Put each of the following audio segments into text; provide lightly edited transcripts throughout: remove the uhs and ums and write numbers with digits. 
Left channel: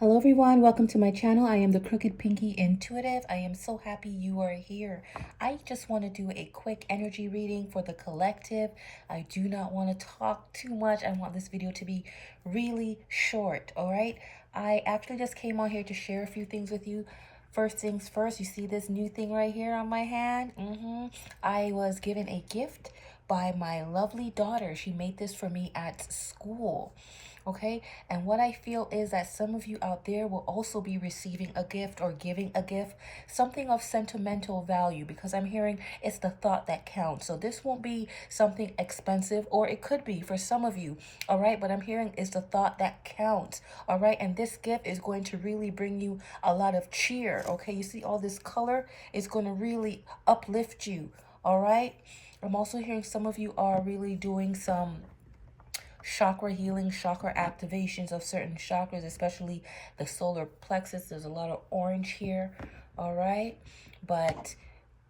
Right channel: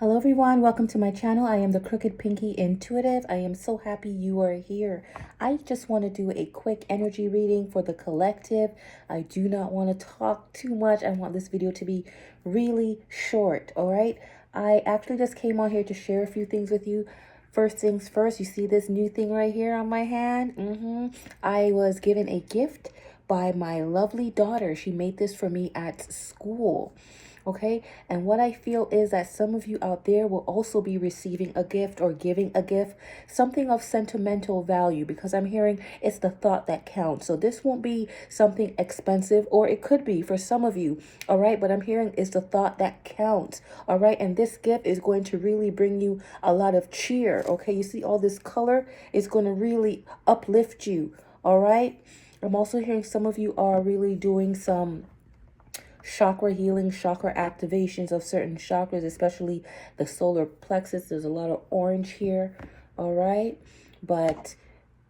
Hello everyone, welcome to my channel. I am the Crooked Pinky Intuitive. I am so happy you are here. I just want to do a quick energy reading for the collective. I do not want to talk too much. I want this video to be really short, all right? I actually just came on here to share a few things with you. First things first, you see this new thing right here on my hand? I was given a gift by my lovely daughter. She made this for me at school. Okay, and what I feel is that some of you out there will also be receiving a gift or giving a gift, something of sentimental value, because I'm hearing it's the thought that counts. So this won't be something expensive, or it could be for some of you, all right? But I'm hearing it's the thought that counts, all right? And this gift is going to really bring you a lot of cheer, okay? You see all this color is going to really uplift you, all right? I'm also hearing some of you are really doing some chakra healing, chakra activations of certain chakras, especially the solar plexus. There's a lot of orange here, all right? But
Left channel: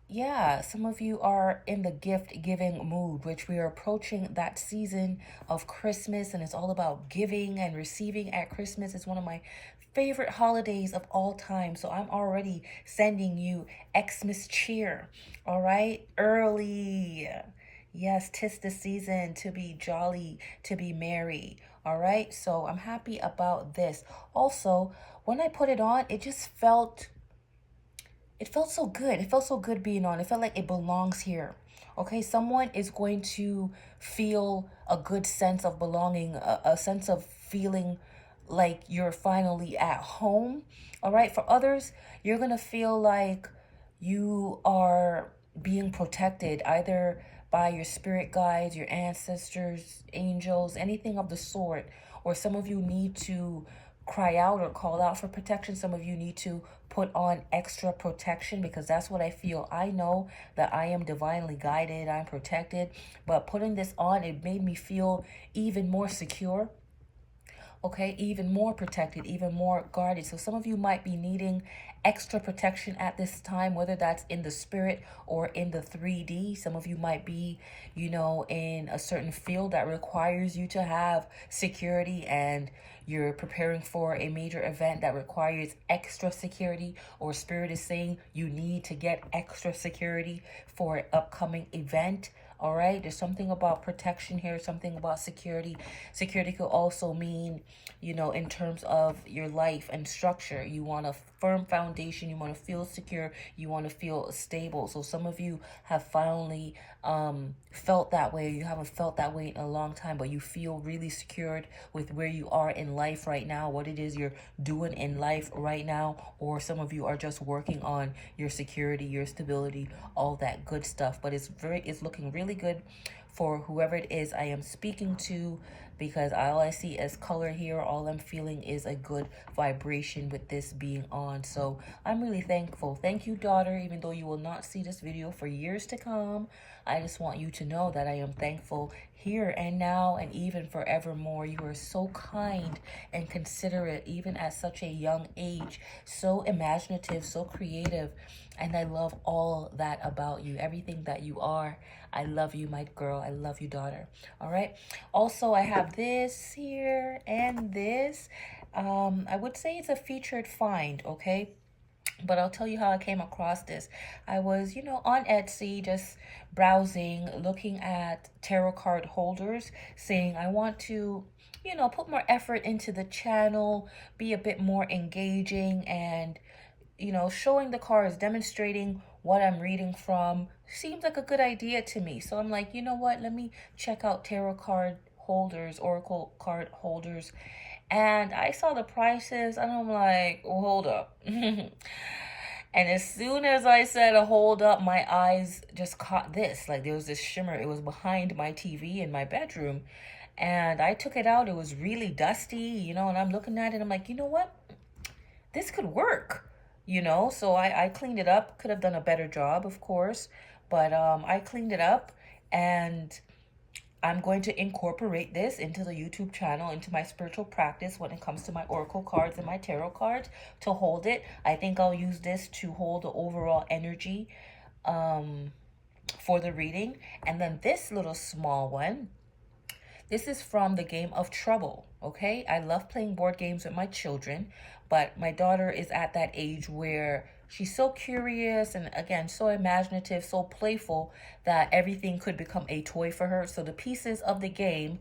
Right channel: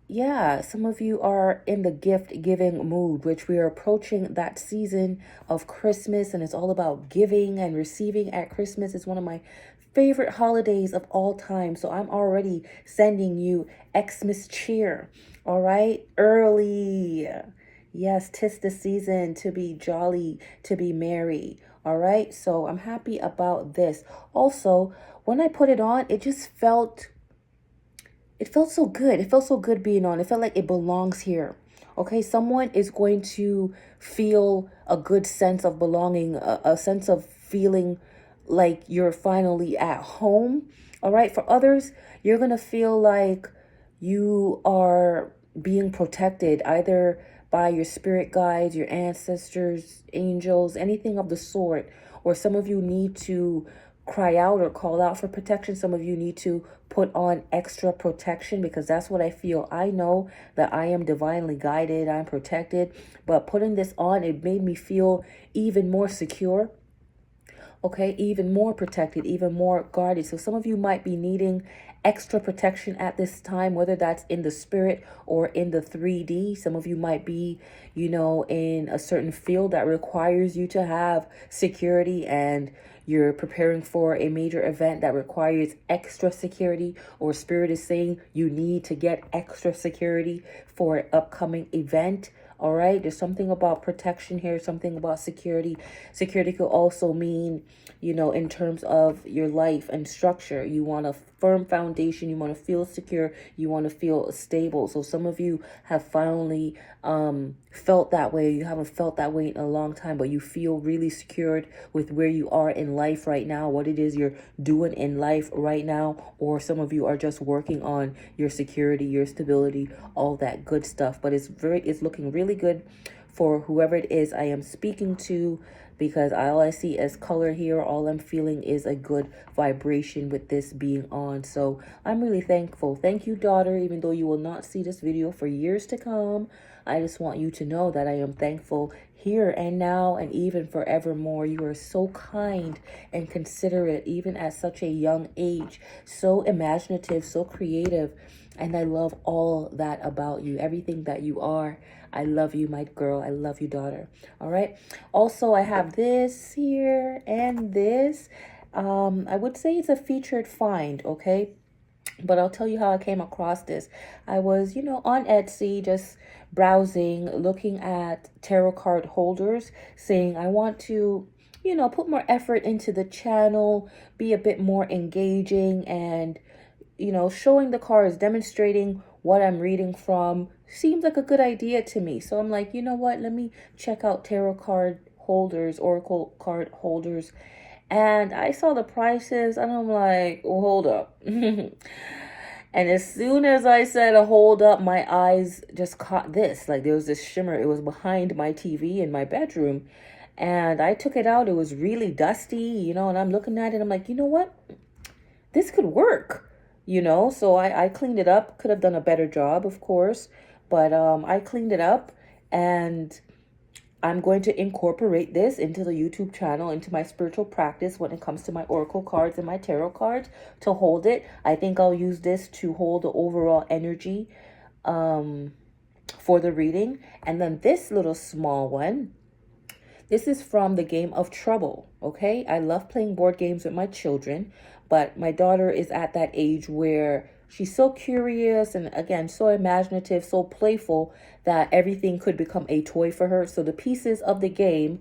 yeah, some of you are in the gift giving mood, which we are approaching that season of Christmas, and it's all about giving and receiving at Christmas. It's one of my favorite holidays of all time. So I'm already sending you Xmas cheer, all right? Early. Yes, 'tis the season to be jolly, to be merry. All right. So I'm happy about this. Also, when I put it on, it felt so good. It felt so good being on. It felt like it belongs here. Okay. Someone is going to feel a good sense of belonging, a sense of feeling like you're finally at home. All right. For others, you're going to feel like you are being protected either by your spirit guides, your ancestors, angels, anything of the sort. Or some of you need to cry out or call out for protection. Some of you need to put on extra protection, because that's what I feel. I know that I am divinely guided, I'm protected, but putting this on, it made me feel even more secure. Okay, even more protected, even more guarded. So some of you might be needing extra protection at this time, whether that's in the spirit or in the 3D. Some of you might be, in a certain field that requires you to have security, and you're preparing for a major event that requires extra security, or spirit is saying you need to get extra security for an upcoming event. All right, there's something about protection here, something about security. Security could also mean, in terms of your life and structure, you want a firm foundation, you want to feel secure, you want to feel stable. So some of you have finally felt that way. You haven't felt that way in a long time, but you feel really secured with where you are in life right now, what it is you're doing in life right now. Or some of you are just working on your security, your stability, all that good stuff. But it's looking really good for whoever it is I am speaking to, because all I see as color here, all I'm feeling is a good vibration with this being on. So I'm really thankful. Thank you, daughter. Even though you will not see this video for years to come, I just want you to know that I am thankful here and now and even forevermore. You are so kind and considerate, even at such a young age, so imaginative, so creative. And I love all that about you, everything that you are. I love you, my girl. I love you, daughter. All right. Also, I have this here and this. I would say it's a featured find, okay? But I'll tell you how I came across this. I was, on Etsy, just browsing, looking at tarot card holders, saying I want to, put more effort into the channel, be a bit more engaging, and showing the cards, demonstrating what I'm reading from seems like a good idea to me. So I'm like, you know what? Let me check out tarot card holders, oracle card holders. And I saw the prices and I'm like, well, hold up. And as soon as I said a hold up, my eyes just caught this. Like there was this shimmer. It was behind my TV in my bedroom. And I took it out. It was really dusty, and I'm looking at it. I'm like, you know what? This could work. So I cleaned it up. Could have done a better job, of course, but I cleaned it up, and I'm going to incorporate this into the YouTube channel, into my spiritual practice when it comes to my oracle cards and my tarot cards, to hold it. I think I'll use this to hold the overall energy for the reading. And then this little small one, This is from the game of Trouble, okay? I love playing board games with my children, but my daughter is at that age where she's so curious and, again, so imaginative, so playful that everything could become a toy for her. So the pieces of the game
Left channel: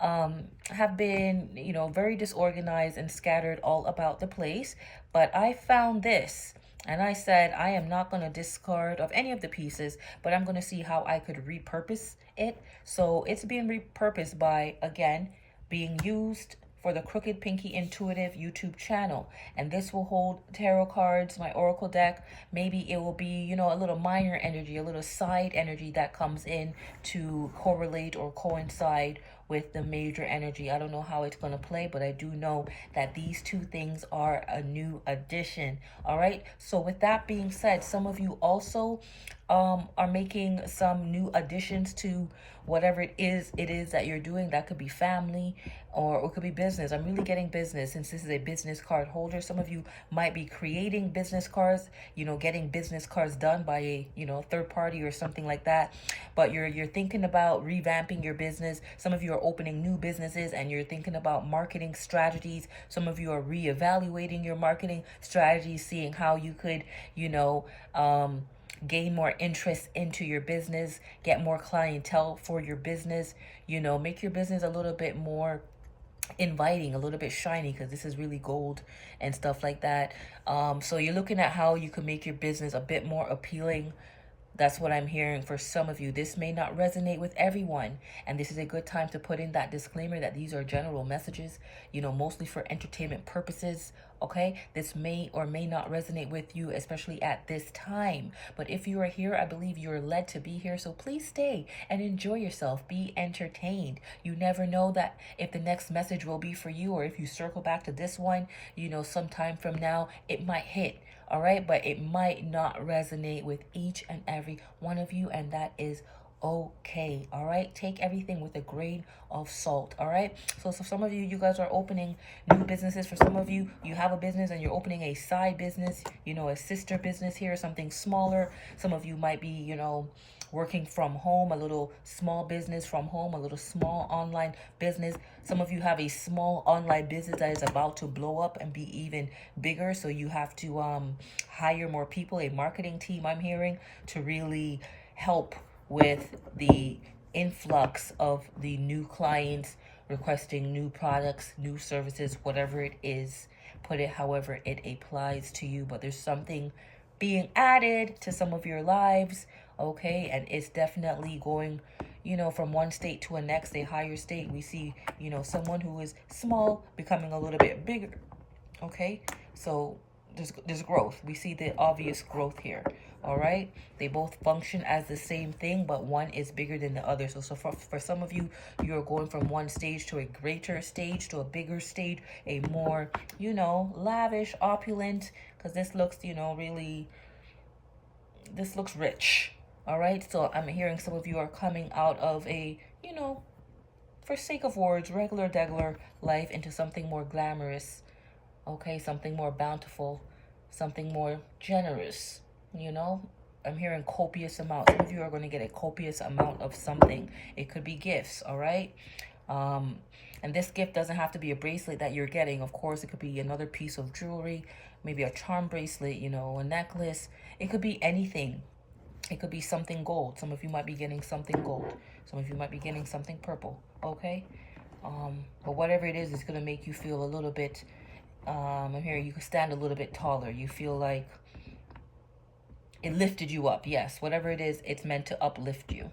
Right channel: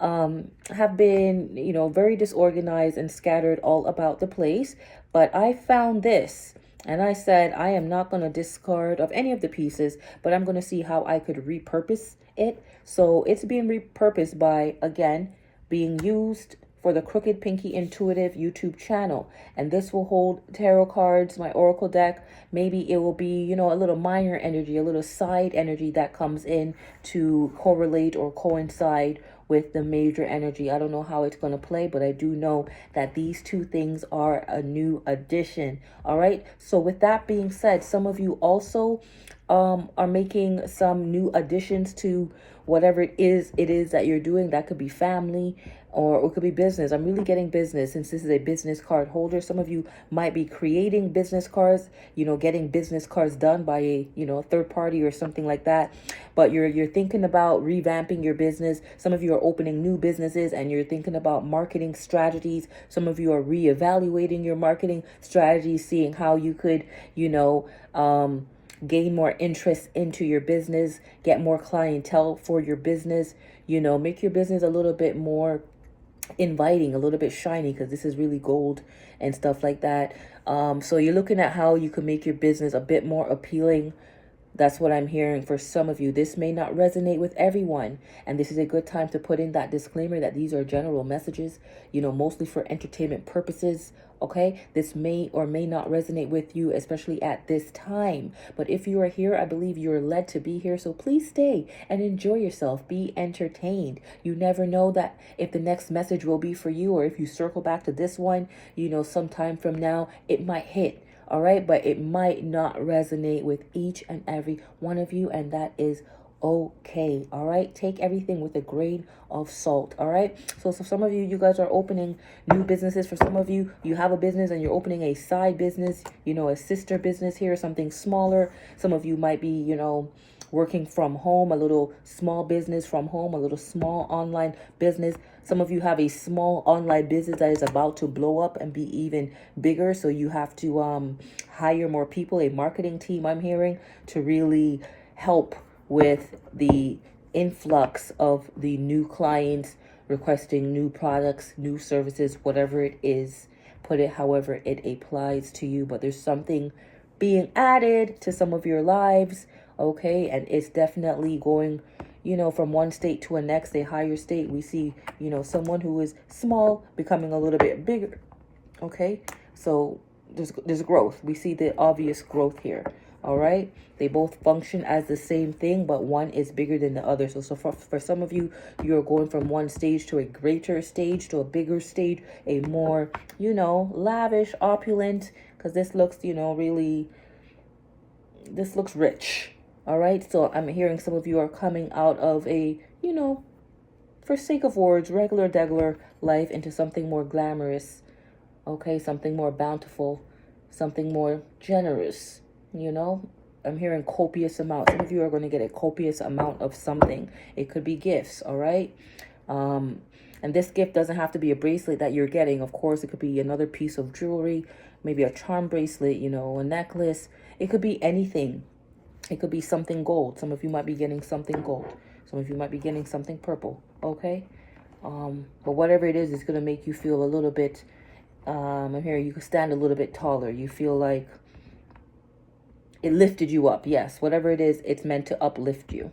have been, very disorganized and scattered all about the place. But I found this. And I said, I am not going to discard of any of the pieces, but I'm going to see how I could repurpose it. So it's being repurposed by, again, being used for the Crooked Pinky Intuitive YouTube channel. And this will hold tarot cards, my oracle deck. Maybe it will be, a little minor energy, a little side energy that comes in to correlate or coincide with the major energy. I don't know how it's going to play, but I do know that these two things are a new addition. All right. So with that being said, some of you also are making some new additions to whatever it is that you're doing. That could be family, or it could be business. I'm really getting business since this is a business card holder. Some of you might be creating business cards, getting business cards done by a, third party or something like that. But you're thinking about revamping your business. Some of you are opening new businesses and you're thinking about marketing strategies. Some of you are reevaluating your marketing strategies, seeing how you could, gain more interest into your business, get more clientele for your business, make your business a little bit more inviting, a little bit shiny, because this is really gold and stuff like that. So you're looking at how you can make your business a bit more appealing. That's what I'm hearing for some of you. This may not resonate with everyone, and this is a good time to put in that disclaimer that these are general messages, mostly for entertainment purposes. Okay, this may or may not resonate with you, especially at this time. But if you are here, I believe you are led to be here. So please stay and enjoy yourself. Be entertained. You never know that if the next message will be for you, or if you circle back to this one, sometime from now, it might hit. All right, but it might not resonate with each and every one of you, and that is okay. All right, take everything with a grain of salt. All right, so for some of you, you guys are opening new businesses. For some of you, you have a business and you're opening a side business, a sister business here, something smaller. Some of you might be, working from home, a little small business from home, a little small online business. Some of you have a small online business that is about to blow up and be even bigger. So you have to hire more people, a marketing team, I'm hearing, to really help with the influx of the new clients requesting new products, new services, whatever it is. Put it however it applies to you. But there's something being added to some of your lives, okay? And it's definitely going, from one state to a next, a higher state. We see, someone who is small becoming a little bit bigger, okay? So there's growth. We see the obvious growth here. All right, they both function as the same thing, but one is bigger than the other. So for some of you, you're going from one stage to a greater stage, to a bigger stage, a more, lavish, opulent, because this looks, really, this looks rich. All right, so I'm hearing some of you are coming out of a, for sake of words, regular degular life into something more glamorous, okay, something more bountiful, something more generous. I'm hearing copious amount. Some of you are going to get a copious amount of something. It could be gifts, all right? And this gift doesn't have to be a bracelet that you're getting. Of course, it could be another piece of jewelry, maybe a charm bracelet, a necklace. It could be anything. It could be something gold. Some of you might be getting something gold. Some of you might be getting something purple, okay? But whatever it is, it's going to make you feel a little bit, I'm hearing you can stand a little bit taller. You feel like it lifted you up. Yes, whatever it is, it's meant to uplift you.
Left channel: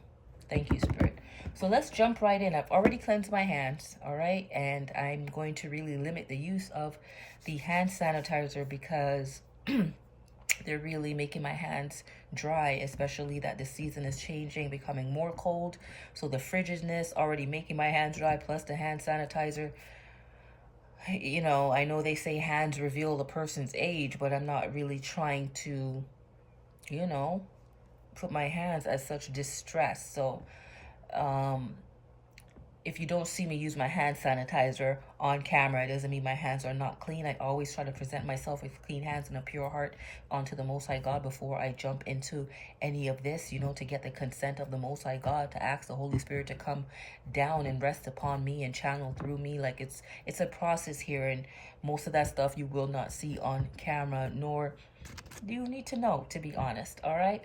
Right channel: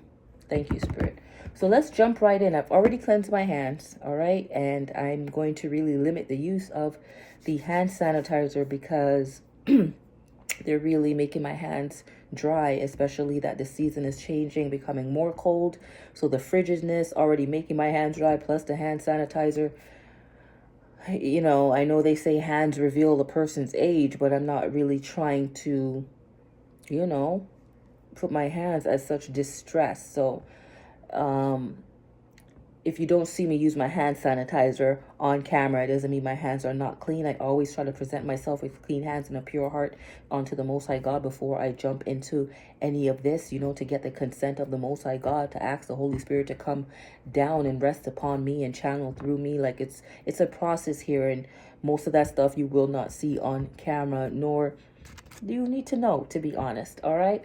Thank you, Spirit. So let's jump right in. I've already cleansed my hands, all right? And I'm going to really limit the use of the hand sanitizer because they're really making my hands dry, especially that the season is changing, becoming more cold. So the frigidness already making my hands dry, plus the hand sanitizer. I know they say hands reveal the person's age, but I'm not really trying to put my hands at such distress. So if you don't see me use my hand sanitizer on camera, it doesn't mean my hands are not clean. I always try to present myself with clean hands and a pure heart unto the Most High God before I jump into any of this, to get the consent of the Most High God, to ask the Holy Spirit to come down and rest upon me and channel through me. Like it's a process here, and most of that stuff you will not see on camera, nor do you need to know, to be honest. All right.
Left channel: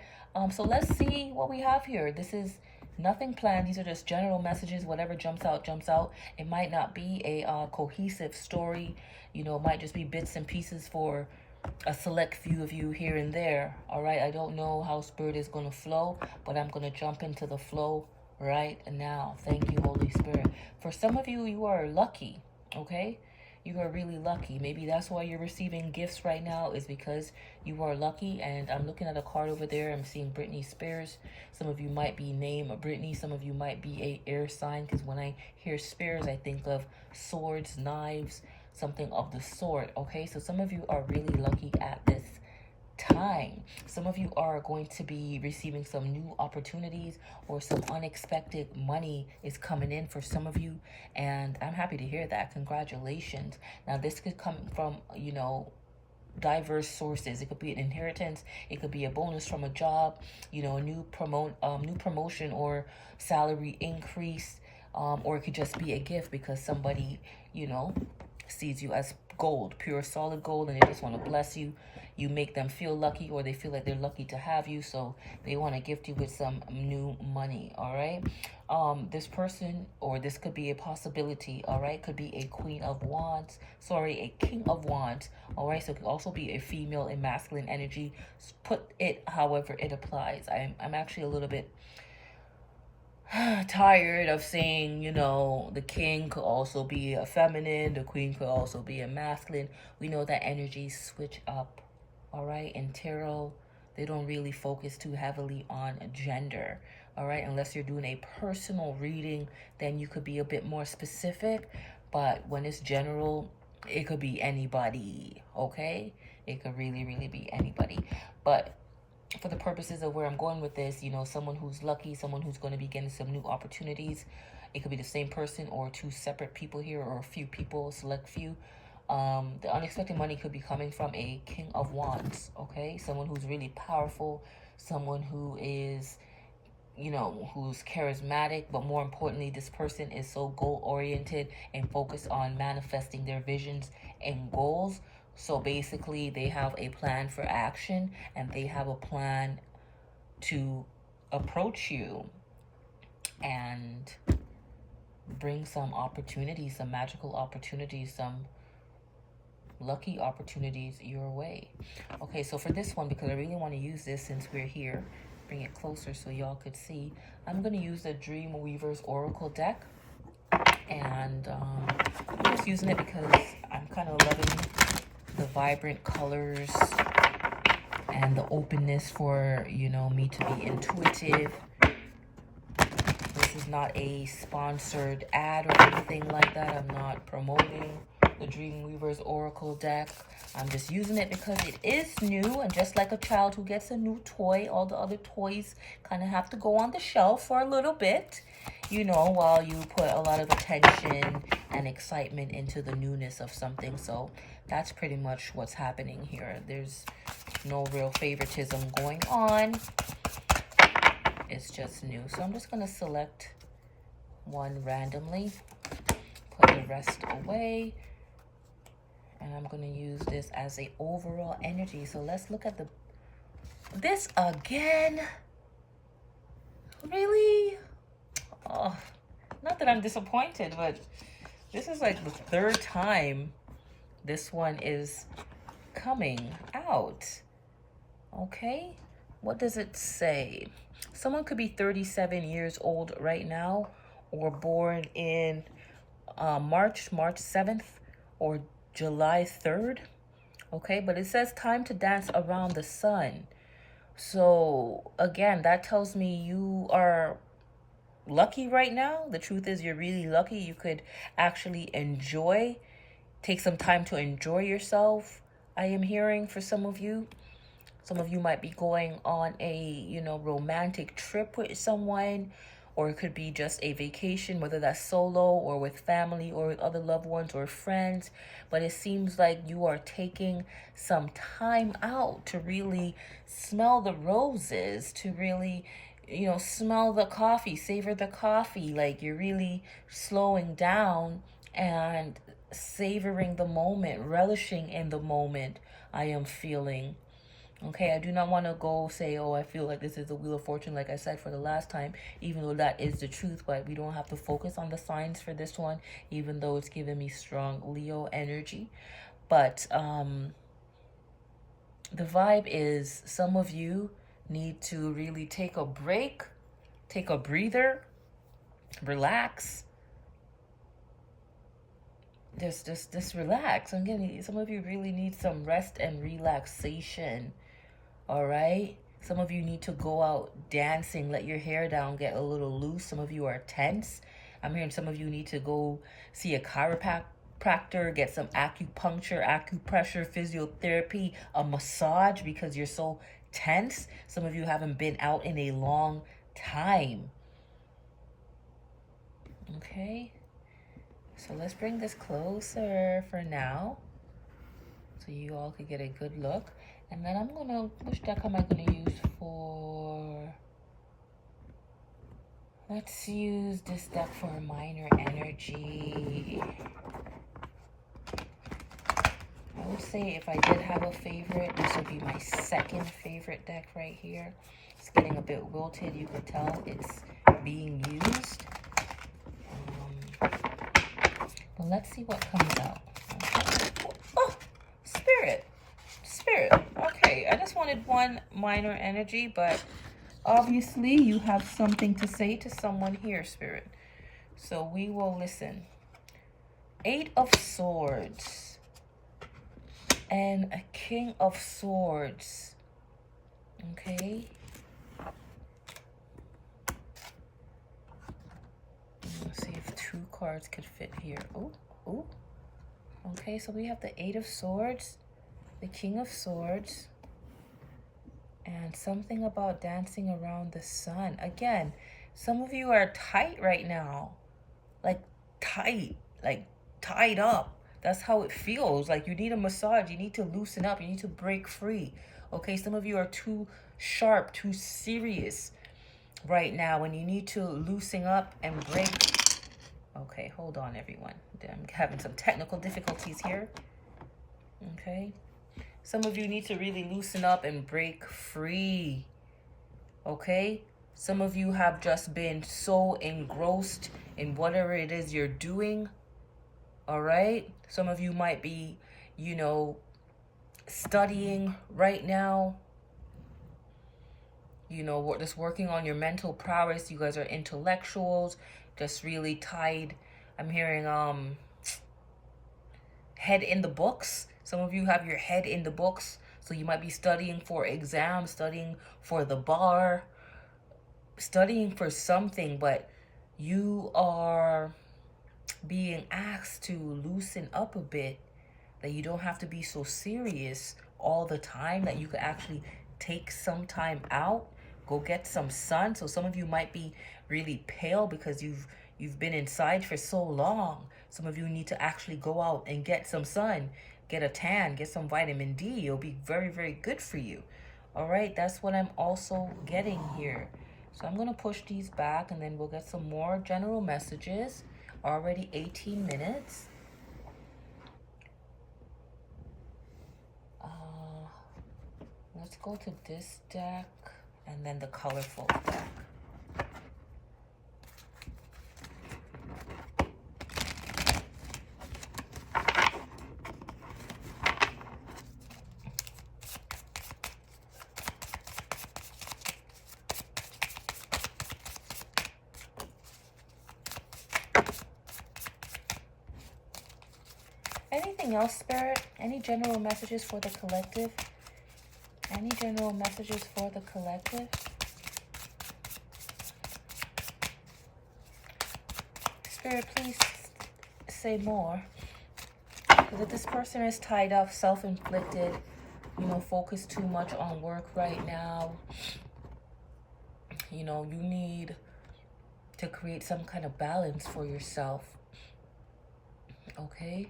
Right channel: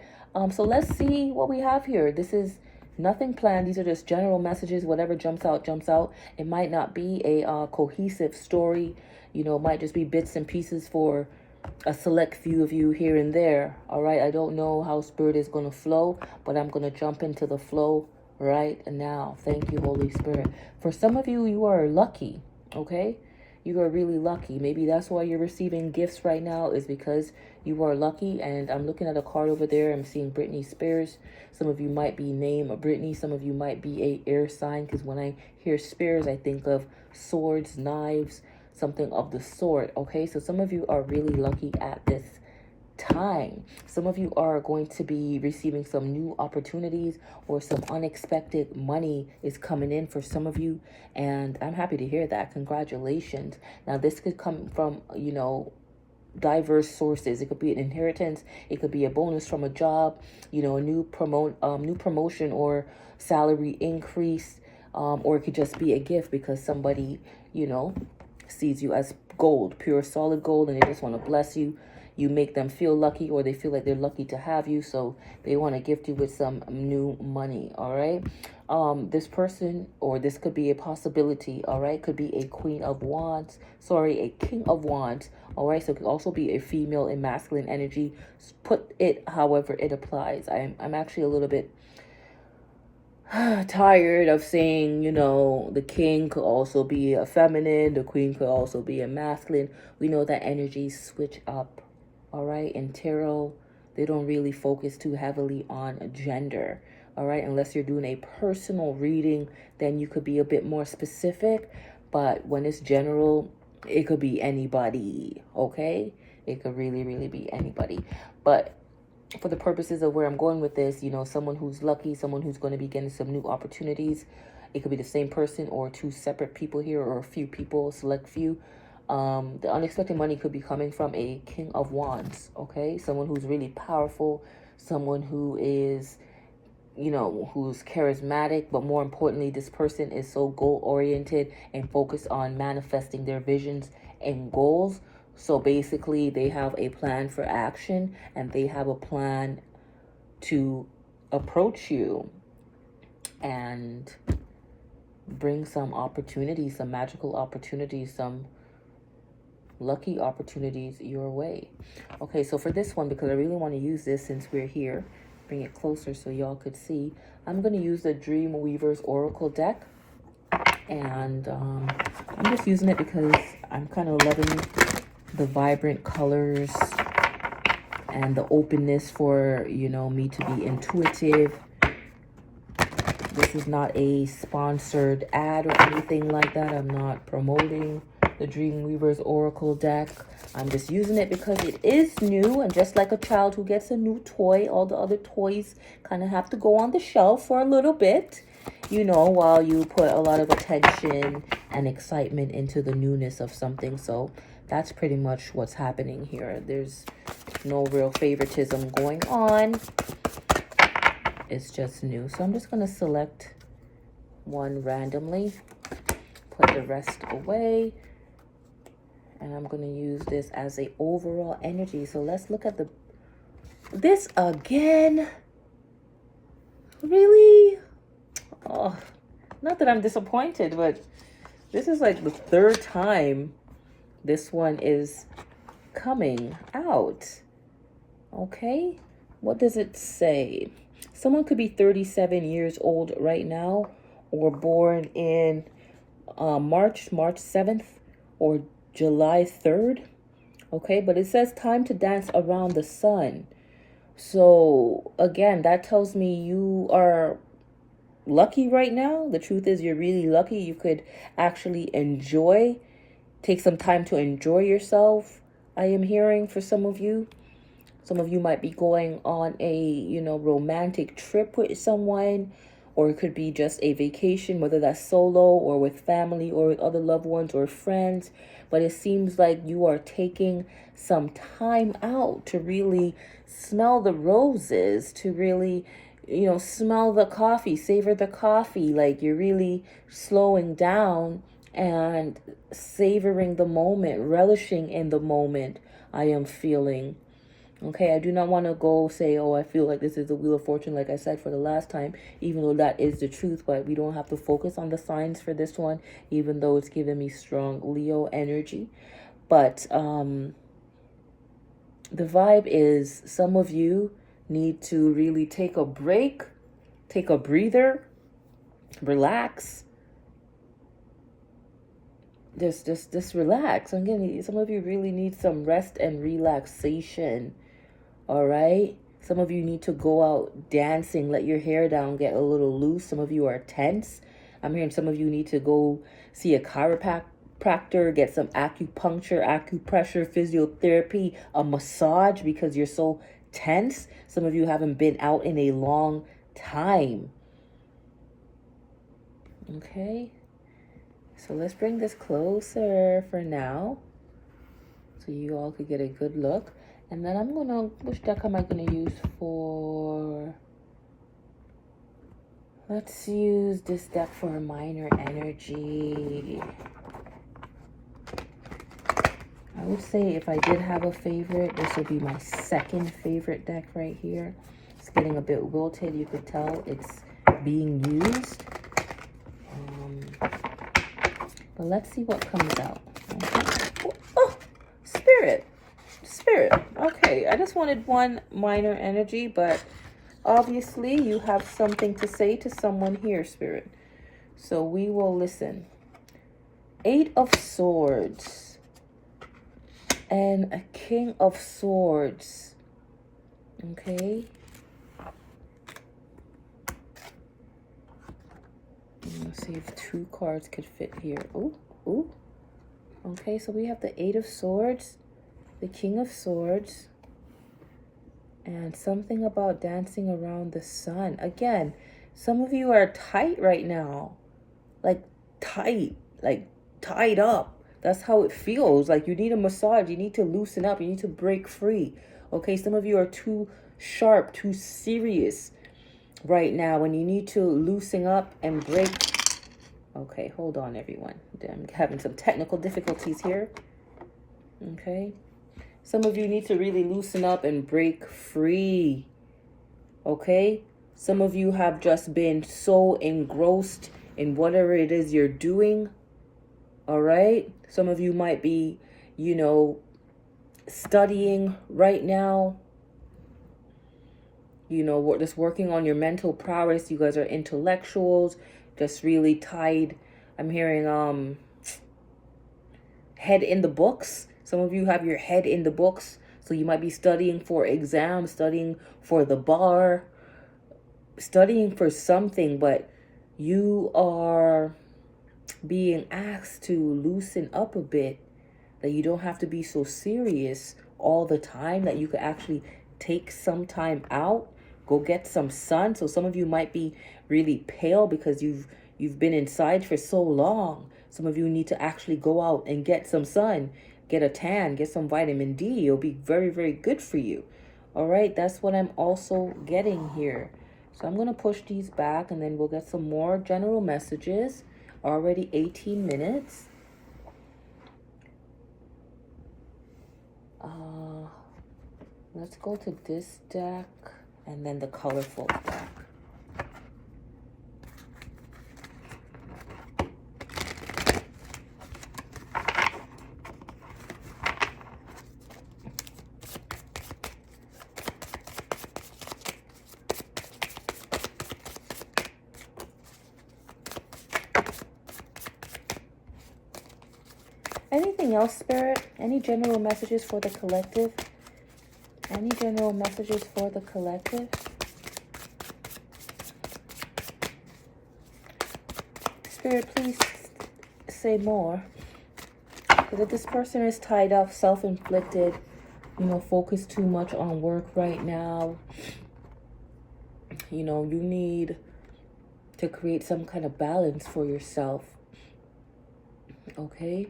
So let's see what we have here. This is nothing planned. These are just general messages. Whatever jumps out, jumps out. It might not be a cohesive story. It might just be bits and pieces for a select few of you here and there. All right. I don't know how Spirit is going to flow, but I'm going to jump into the flow right now. Thank you, Holy Spirit. For some of you, you are lucky. Okay. You are really lucky. Maybe that's why you're receiving gifts right now, is because you are lucky. And I'm looking at a card over there. I'm seeing Britney Spears. Some of you might be named Britney. Some of you might be a air sign, because when I hear Spears, I think of swords, knives, something of the sort. Okay, so some of you are really lucky at this time. Some of you are going to be receiving some new opportunities, or some unexpected money is coming in for some of you, and I'm happy to hear that. Congratulations. Now this could come from diverse sources. It could be an inheritance, it could be a bonus from a job, a new promotion or salary increase, or it could just be a gift because somebody sees you as gold, pure solid gold, and they just want to bless you. You make them feel lucky, or they feel like they're lucky to have you, so they want to gift you with some new money. All right. This person, or this could be a possibility. All right, could be a Queen of Wands, sorry, a King of Wands. All right, so it could also be a female and masculine energy. Put it however it applies. I'm actually a little bit tired of saying, the king could also be a feminine, the queen could also be a masculine. We know that energies switch up. All right. And tarot, they don't really focus too heavily on gender. All right. Unless you're doing a personal reading, then you could be a bit more specific. But when it's general, it could be anybody. Okay. It could really, really be anybody. But for the purposes of where I'm going with this, someone who's lucky, someone who's going to be getting some new opportunities. It could be the same person or two separate people here, or a few people, a select few. The unexpected money could be coming from a King of Wands, okay? Someone who's really powerful, someone who is, who's charismatic, but more importantly, this person is so goal-oriented and focused on manifesting their visions and goals. So basically, they have a plan for action, and they have a plan to approach you and bring some opportunities, some magical opportunities, some lucky opportunities your way. Okay, so for this one, because I really want to use this since we're here, bring it closer so y'all could see, I'm going to use the Dream Weaver's Oracle deck. And I'm just using it because I'm kind of loving the vibrant colors and the openness for, me to be intuitive. This is not a sponsored ad or anything like that. I'm not promoting the Dreamweaver's Oracle deck. I'm just using it because it is new, and just like a child who gets a new toy, all the other toys kind of have to go on the shelf for a little bit, while you put a lot of attention and excitement into the newness of something. So that's pretty much what's happening here. There's no real favoritism going on. It's just new. So I'm just going to select one randomly, put the rest away, and I'm going to use this as a overall energy. So let's look at this again. Really? Oh, not that I'm disappointed, but this is like the third time this one is coming out. Okay, what does it say? Someone could be 37 years old right now, or born in March 7th, or July 3rd. Okay, but it says time to dance around the sun. So again, that tells me you are lucky right now. The truth is, you're really lucky. You could actually take some time to enjoy yourself. I am hearing for some of you. Some of you might be going on a, romantic trip with someone, or it could be just a vacation, whether that's solo or with family or with other loved ones or friends. But it seems like you are taking some time out to really smell the roses, to really, smell the coffee, savor the coffee. Like you're really slowing down and savoring the moment, relishing in the moment. I am feeling. Okay, I do not want to go say, oh, I feel like this is the Wheel of Fortune, like I said for the last time, even though that is the truth, but we don't have to focus on the signs for this one, even though it's giving me strong Leo energy. But the vibe is some of you need to really take a break, take a breather, relax. Just relax. I'm getting, some of you really need some rest and relaxation. All right. Some of you need to go out dancing, let your hair down, get a little loose. Some of you are tense. I'm hearing some of you need to go see a chiropractor, get some acupuncture, acupressure, physiotherapy, a massage because you're so tense. Some of you haven't been out in a long time. Okay. So let's bring this closer for now so you all could get a good look. And then I'm gonna, which deck am I gonna use for, let's use this deck for a minor energy. I would say if I did have a favorite, this would be my second favorite deck right here. It's getting a bit wilted, you could tell it's being used. But let's see what comes out. Okay. Oh, Spirit. Okay, I just wanted one minor energy, but obviously you have something to say to someone here, Spirit. So we will listen. 8 of Swords and a King of Swords. Okay. Let's see if 2 cards could fit here. Ooh. Okay, so we have the 8 of Swords, the King of Swords, and something about dancing around the sun. Again, some of you are tight right now. Like tight, like tied up. That's how it feels. Like you need a massage. You need to loosen up. You need to break free. Okay, some of you are too sharp, too serious right now, and you need to loosen up and break. Okay, hold on, everyone. I'm having some technical difficulties here. Okay. Some of you need to really loosen up and break free. Okay? Some of you have just been so engrossed in whatever it is you're doing. All right? Some of you might be, studying right now. Just working on your mental prowess. You guys are intellectuals, just really tied. I'm hearing head in the books. Some of you have your head in the books, so you might be studying for exams, studying for the bar, studying for something, but you are being asked to loosen up a bit, that you don't have to be so serious all the time, that you could actually take some time out, go get some sun. So some of you might be really pale because you've been inside for so long. Some of you need to actually go out and get some sun, get a tan, get some vitamin D. It'll be very, very good for you. All right, that's what I'm also getting here. So I'm going to push these back and then we'll get some more general messages. Already 18 minutes. Let's go to this deck and then the colorful deck. Anything else, Spirit? Any general messages for the collective? Any general messages for the collective? Spirit, please say more. Because if this person is tied up, self-inflicted, focused too much on work right now, you need to create some kind of balance for yourself. Okay?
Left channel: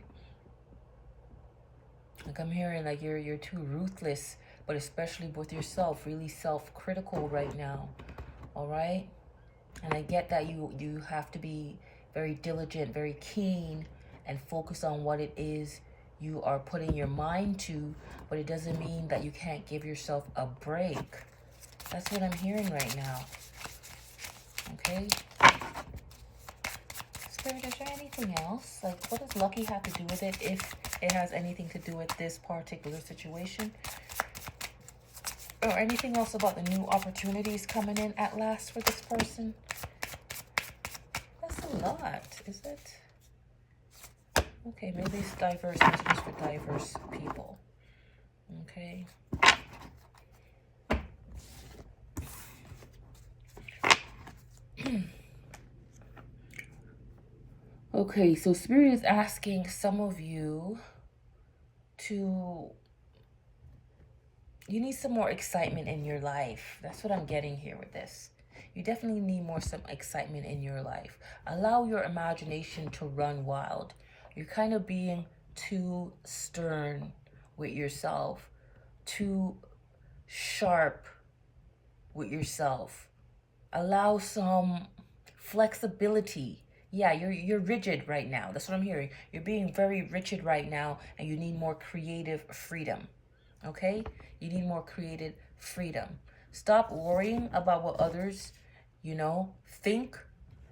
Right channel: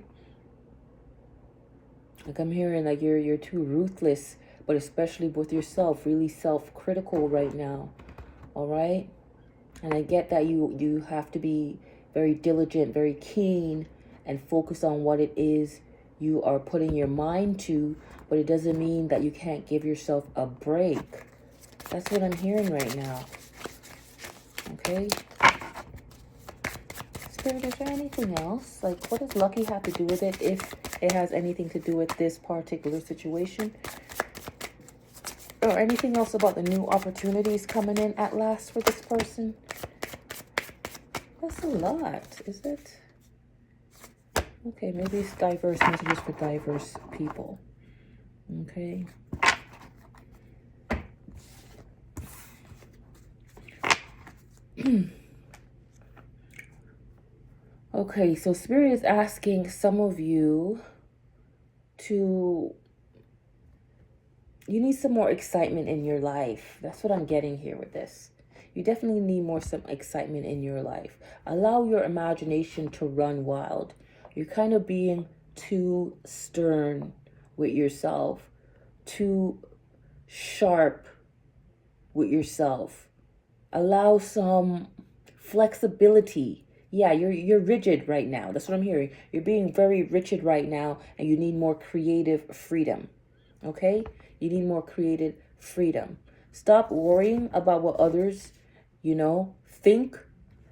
Like I'm hearing like you're too ruthless, but especially with yourself, really self-critical right now. All right? And I get that you have to be very diligent, very keen, and focus on what it is you are putting your mind to, but it doesn't mean that you can't give yourself a break. That's what I'm hearing right now. Okay? Spirit, is there anything else? Like, what does lucky have to do with it, if it has anything to do with this particular situation? Or anything else about the new opportunities coming in at last for this person? That's a lot, is it? Okay, maybe it's diverse messages for diverse people. Okay. Okay, so Spirit is asking some of you to... You need some more excitement in your life. That's what I'm getting here with this. You definitely need some excitement in your life. Allow your imagination to run wild. You're kind of being too stern with yourself, too sharp with yourself. Allow some flexibility. Yeah, you're rigid right now. That's what I'm hearing. You're being very rigid right now, and you need more creative freedom. Okay? You need more creative freedom. Stop worrying about what others, think,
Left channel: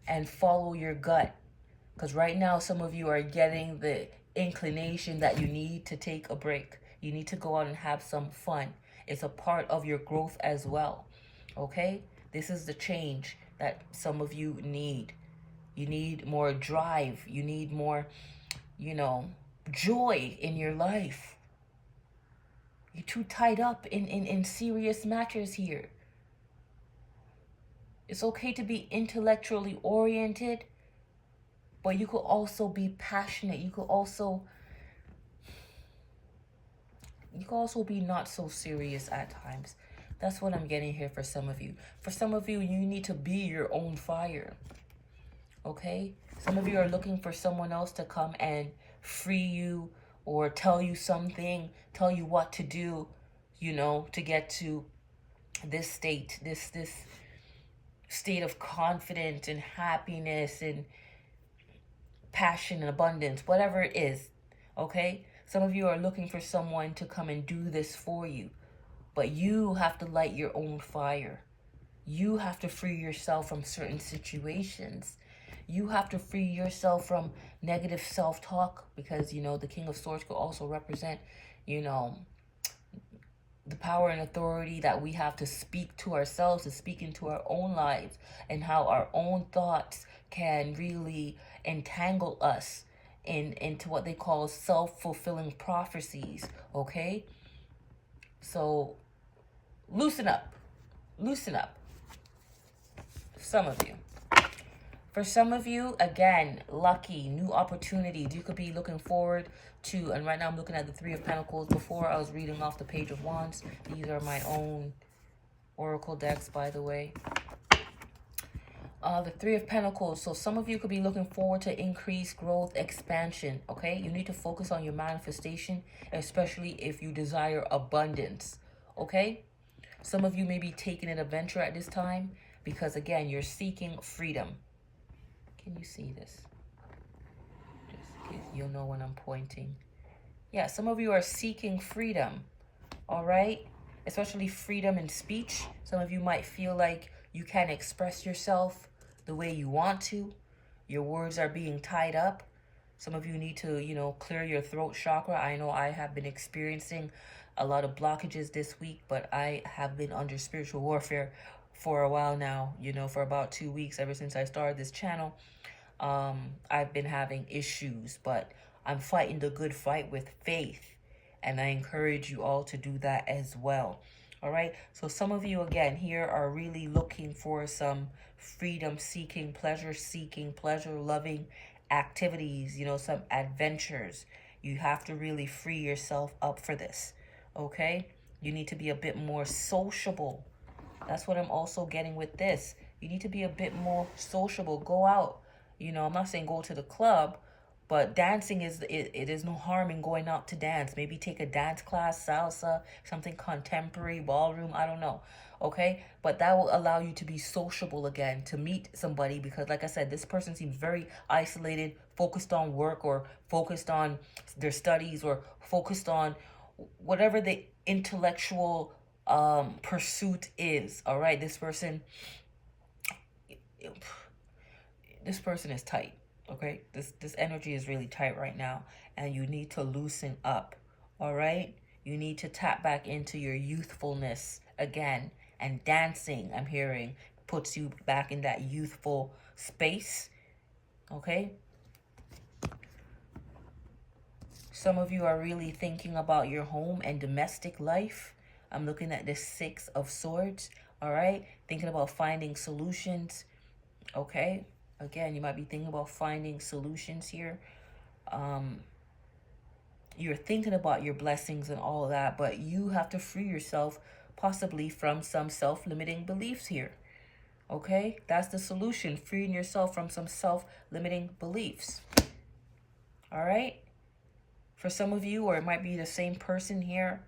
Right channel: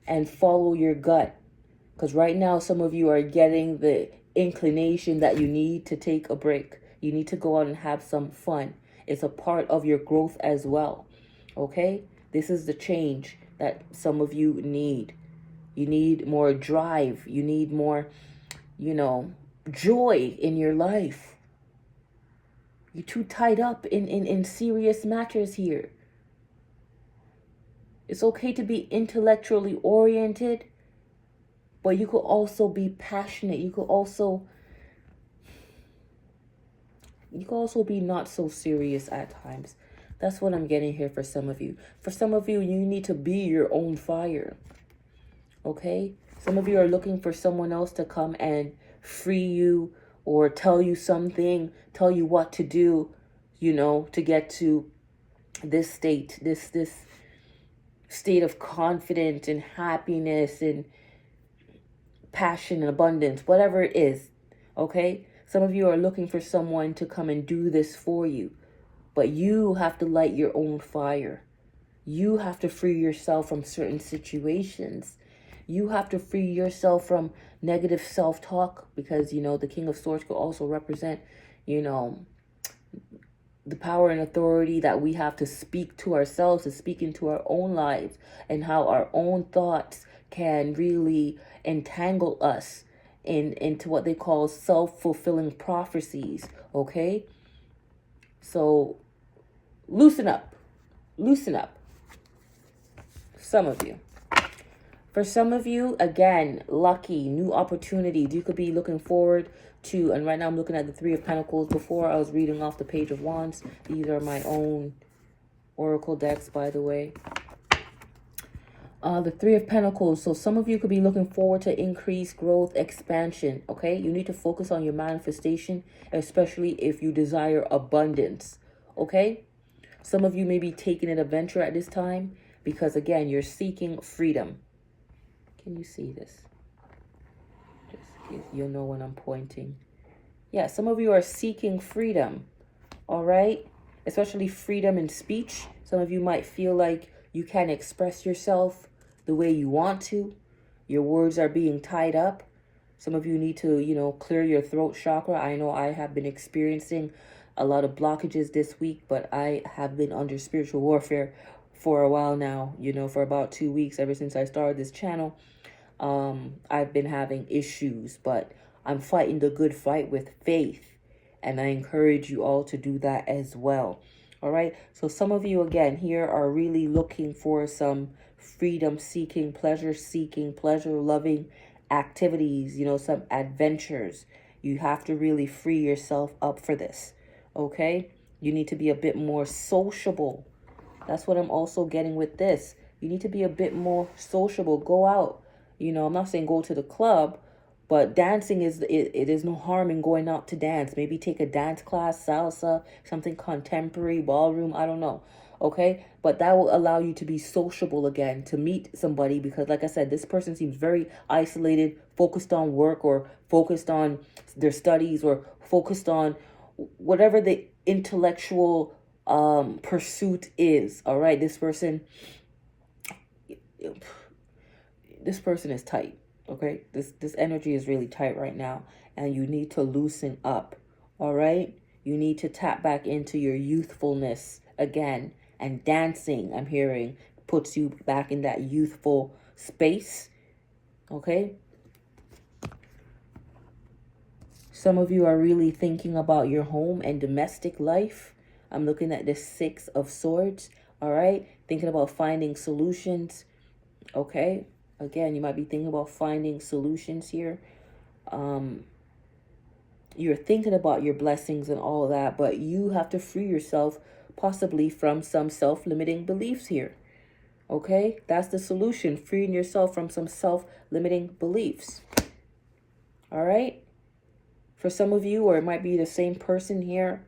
and follow your gut. Because right now, some of you are getting the inclination that you need to take a break. You need to go out and have some fun. It's a part of your growth as well. Okay? This is the change that some of you need. You need more drive. You need more, joy in your life. You're too tied up in serious matters here. It's okay to be intellectually oriented, but you could also be passionate. You could also be not so serious at times. That's what I'm getting here for some of you. For some of you, you need to be your own fire. Okay? Some of you are looking for someone else to come and free you, or tell you something, tell you what to do, to get to this state, this state of confidence and happiness and passion and abundance, whatever it is. Okay? Some of you are looking for someone to come and do this for you, but you have to light your own fire. You have to free yourself from certain situations. You have to free yourself from negative self-talk, because, the King of Swords could also represent, the power and authority that we have to speak to ourselves, to speak into our own lives, and how our own thoughts can really entangle us into what they call self-fulfilling prophecies, okay? So, loosen up. Loosen up. Some of you. For some of you, again, lucky, new opportunities. You could be looking forward to, and right now I'm looking at the Three of Pentacles. Before I was reading off the Page of Wands. These are my own oracle decks, by the way. The Three of Pentacles. So some of you could be looking forward to increased growth, expansion, okay? You need to focus on your manifestation, especially if you desire abundance, okay? Some of you may be taking an adventure at this time because, again, you're seeking freedom. Can you see this? You'll know when I'm pointing. Yeah, some of you are seeking freedom, all right? Especially freedom in speech. Some of you might feel like you can't express yourself the way you want to. Your words are being tied up. Some of you need to, clear your throat chakra. I know I have been experiencing a lot of blockages this week, but I have been under spiritual warfare for a while now, for about 2 weeks, ever since I started this channel. I've been having issues, but I'm fighting the good fight with faith, and I encourage you all to do that as well. All right, so some of you, again, here are really looking for some freedom-seeking, pleasure-seeking, pleasure-loving activities, some adventures. You have to really free yourself up for this, okay? You need to be a bit more sociable. That's what I'm also getting with this. You need to be a bit more sociable. Go out. I'm not saying go to the club, but dancing it is no harm in going out to dance. Maybe take a dance class, salsa, something contemporary, ballroom, I don't know. Okay? But that will allow you to be sociable again, to meet somebody, because like I said, this person seems very isolated, focused on work, or focused on their studies, or focused on whatever the intellectual pursuit is. All right? This person is tight. Okay, this energy is really tight right now, and you need to loosen up. All right, you need to tap back into your youthfulness again. And dancing, I'm hearing, puts you back in that youthful space. Okay, some of you are really thinking about your home and domestic life. I'm looking at the Six of Swords. All right, thinking about finding solutions. Okay, again, you might be thinking about finding solutions here. You're thinking about your blessings and all of that, but you have to free yourself possibly from some self-limiting beliefs here. Okay, that's the solution, freeing yourself from some self-limiting beliefs. All right, for some of you, or it might be the same person here,